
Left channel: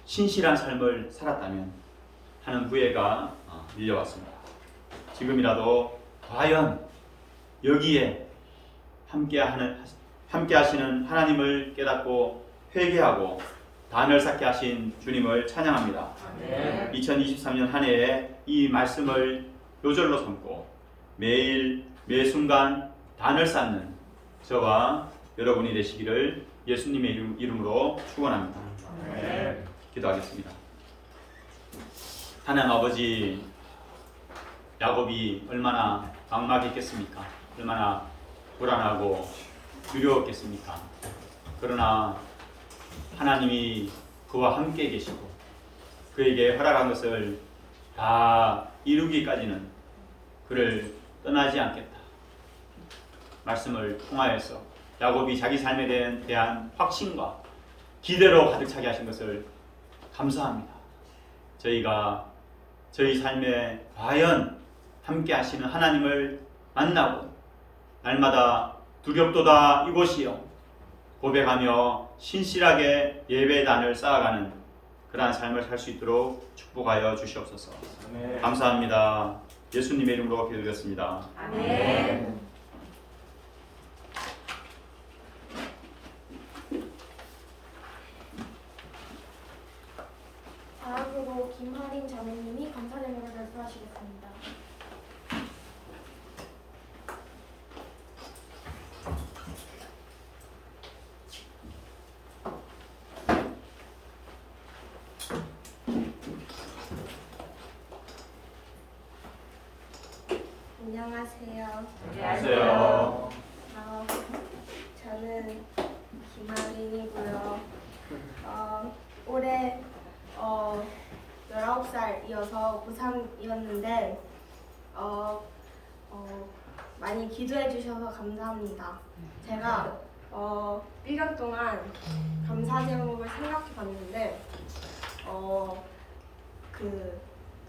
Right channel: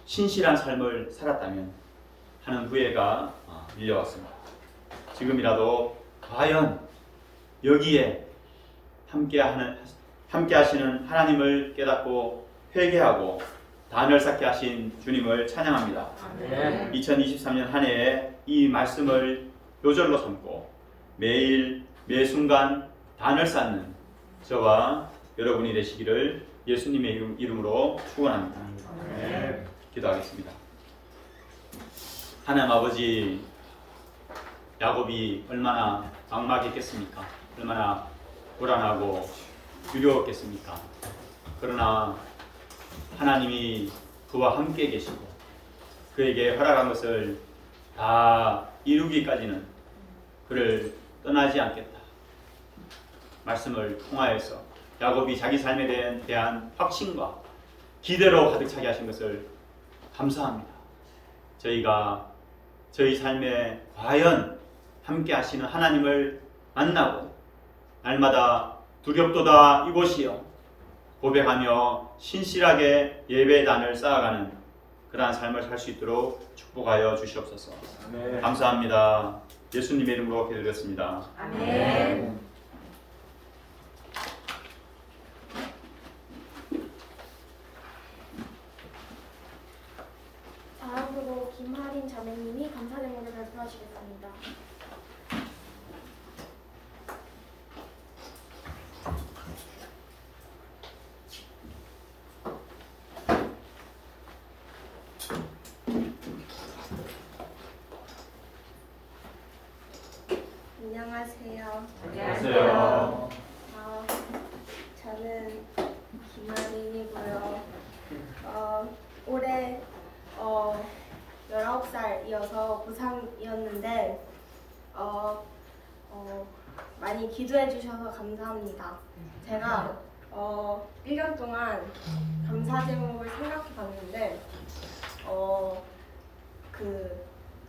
신실한 삶을 살았다면 하는 후회가 밀려왔습니다. 지금이라도 과연 여기에 함께 하시는 하나님을 깨닫고 회개하고 단을 쌓게 하신 주님을 찬양합니다. 2023년 한 해에 이 말씀을 요절로 삼고 매일 매 순간 단을 쌓는 저와 여러분이 되시기를 예수님의 이름으로 축원합니다. 기도하겠습니다. 하나님 아버지, 야곱이 얼마나 막막했겠습니까? 얼마나 불안하고 두려웠겠습니까? 그러나 하나님이 그와 함께 계시고 그에게 허락한 것을 다 이루기까지는 그를 떠나지 않겠다. 말씀을 통하여서 야곱이 자기 삶에 대한 확신과 기대로 가득 차게 하신 것을 감사합니다. 저희가 저희 삶에 과연 함께 하시는 하나님을 만나고 날마다 두렵도다 이곳이요 고백하며 신실하게 예배의 단을 쌓아가는 그러한 삶을 살 수 있도록 축복하여 주시옵소서. 감사합니다. 예수님의 이름으로 기도드렸습니다. 아멘. 다음으로 김하린 자매님이 감사 제목을 발표하시겠습니다. 안녕하세요. 안녕하세요. 저는 김하린이고요. 올해 19살이어서 고3이었는데 많이 기도해 주셔서 감사합니다. 제가 1년 동안 감사 제목을 생각해 봤는데 그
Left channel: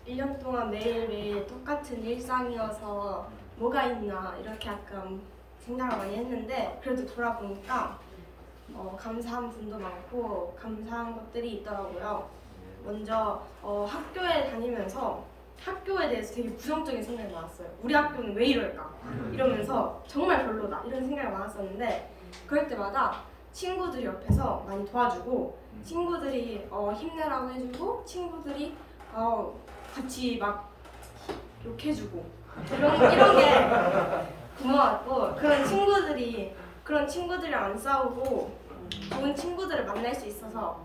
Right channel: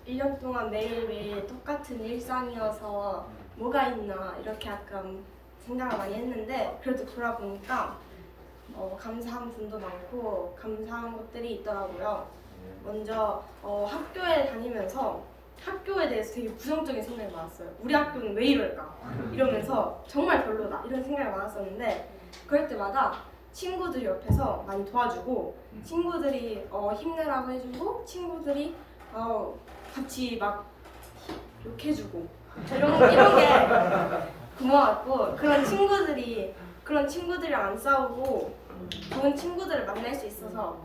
1년 동안 매일매일 똑같은 일상이어서 뭐가 있나 이렇게 약간 생각을 많이 했는데, 그래도 돌아보니까 감사한 분도 많고 감사한 것들이 있더라고요. 먼저 학교에 다니면서 학교에 대해서 되게 부정적인 생각이 많았어요. 우리 학교는 왜 이럴까? 이러면서 정말 별로다 이런 생각이 많았었는데, 그럴 때마다 친구들이 옆에서 많이 도와주고 친구들이 힘내라고 해주고 친구들이 같이 막 욕해주고 이런 게 고마웠고, 그런 친구들이랑 안 싸우고 좋은 친구들을 만날 수 있어서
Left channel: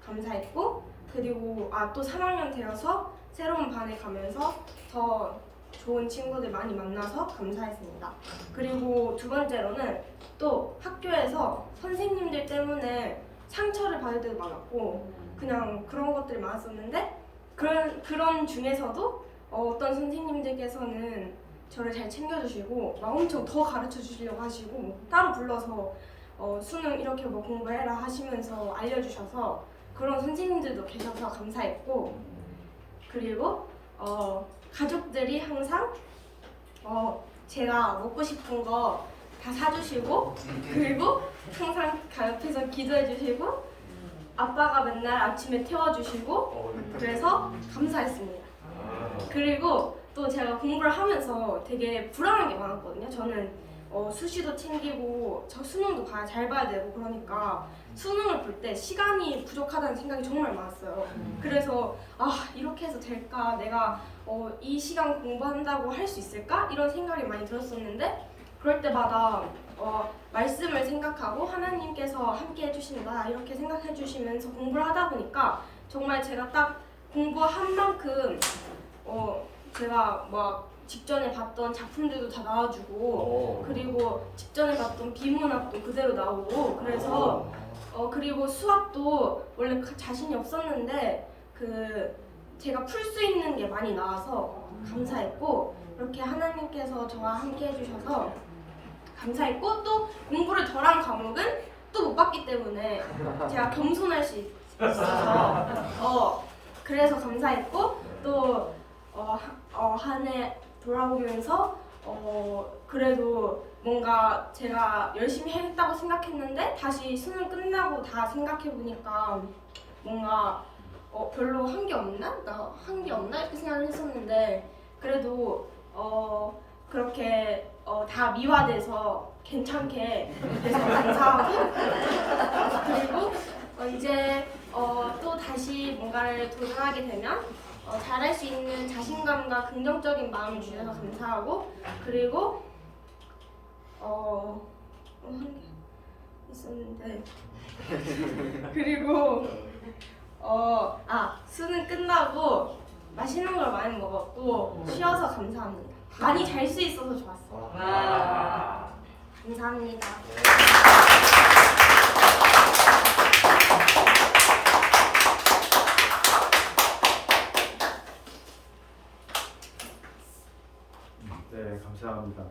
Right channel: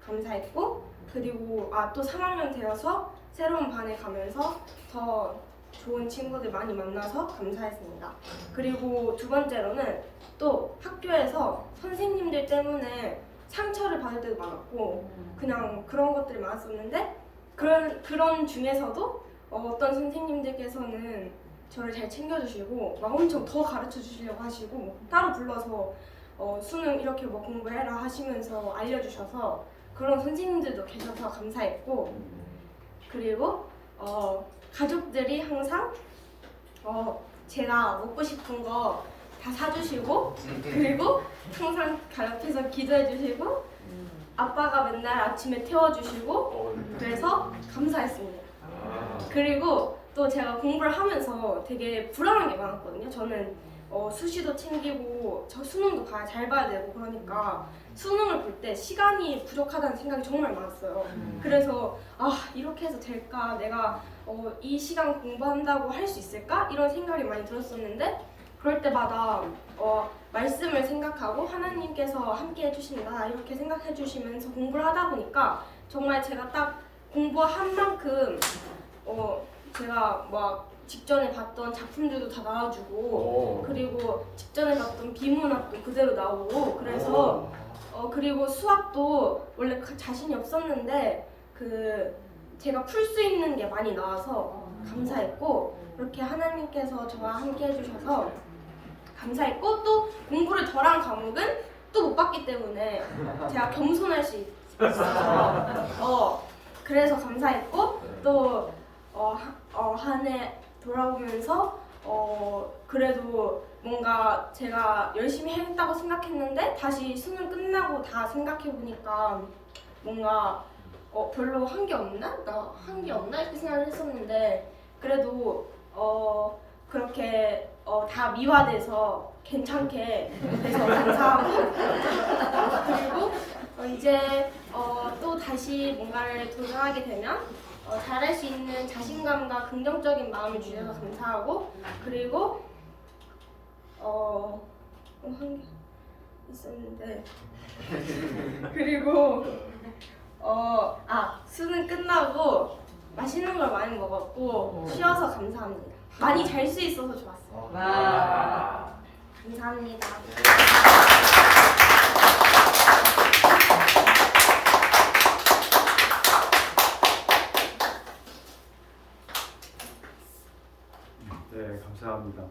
감사했고, 그리고 또 3학년 되어서 새로운 반에 가면서 더 좋은 친구들 많이 만나서 감사했습니다. 그리고 두 번째로는 또 학교에서 선생님들 때문에 상처를 받을 때도 많았고 그냥 그런 것들이 많았었는데, 그런 중에서도 어떤 선생님들께서는 저를 잘 챙겨주시고 막 엄청 더 가르쳐 주시려고 하시고 뭐 따로 불러서 수능 이렇게 뭐 공부해라 하시면서 알려주셔서 그런 선생님들도 계셔서 감사했고 그리고 가족들이 항상 제가 먹고 싶은 거 다 사주시고 그리고 항상 옆에서 기도해 주시고 아빠가 맨날 아침에 태워주시고 그래서 감사했습니다. 그리고 또 제가 공부를 하면서 되게 불안한 게 많았거든요. 저는 수시도 챙기고 저 수능도 잘 봐야 되고 그러니까 수능을 볼 때 시간이 부족하다는 생각이 정말 많았어요. 그래서 이렇게 해서 될까? 내가 이 시간 공부한다고 할 수 있을까? 이런 생각이 많이 들었었는데 그럴 때마다 말씀을 생각하고 하나님께서 함께 해주신다 이렇게 생각해 주시면서 공부를 하다 보니까 정말 제가 딱 공부한 만큼 제가 막 직전에 봤던 작품들도 다 나와주고 그리고 직전에 봤던 비문학도 그대로 나오고 그래서 그리고 수학도 원래 자신이 없었는데 제가 풀 수 있는 게 많이 나와서 감사했고 그렇게 하나님께서 저와 함께 해주셔서 감사했고 또 공부를 덜한 과목은 또 못 봤기 때문에 제가 겸손할 수 있어서 그래서 감사했고 또 한 해 돌아보면서 그래도 뭔가 제가 열심히 했다고 생각했는데 다시 수능 끝나고 다 생각해 보니까 뭔가 별로 한 게 없나? 나 한 게 없나? 이렇게 생각을 했었는데 그래도 그렇게 다 미화돼서 괜찮게 돼서 감사하고 그리고 이제 또 다시 뭔가를 도전하게 되면 잘할 수 있는 자신감과 긍정적인 마음을 주셔서 감사하고 그리고 한 게 있었는데 그리고 수능 끝나고 맛있는 걸 많이 먹었고 쉬어서 감사합니다. 많이 잘 수 있어서 좋았어요. 감사합니다. 네, 감사합니다.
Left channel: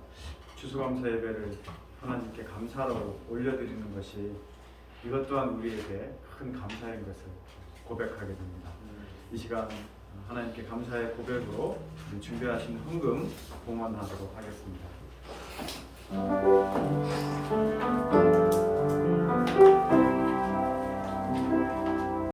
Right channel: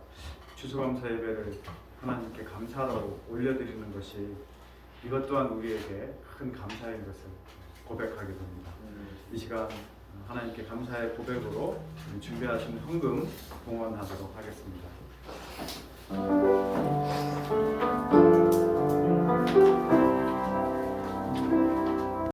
추수감사 예배를 하나님께 감사로 올려드리는 것이 이것 또한 우리에게 큰 감사인 것을 고백하게 됩니다. 이 시간 하나님께 감사의 고백으로 우리 준비하신 헌금 봉헌하도록 하겠습니다.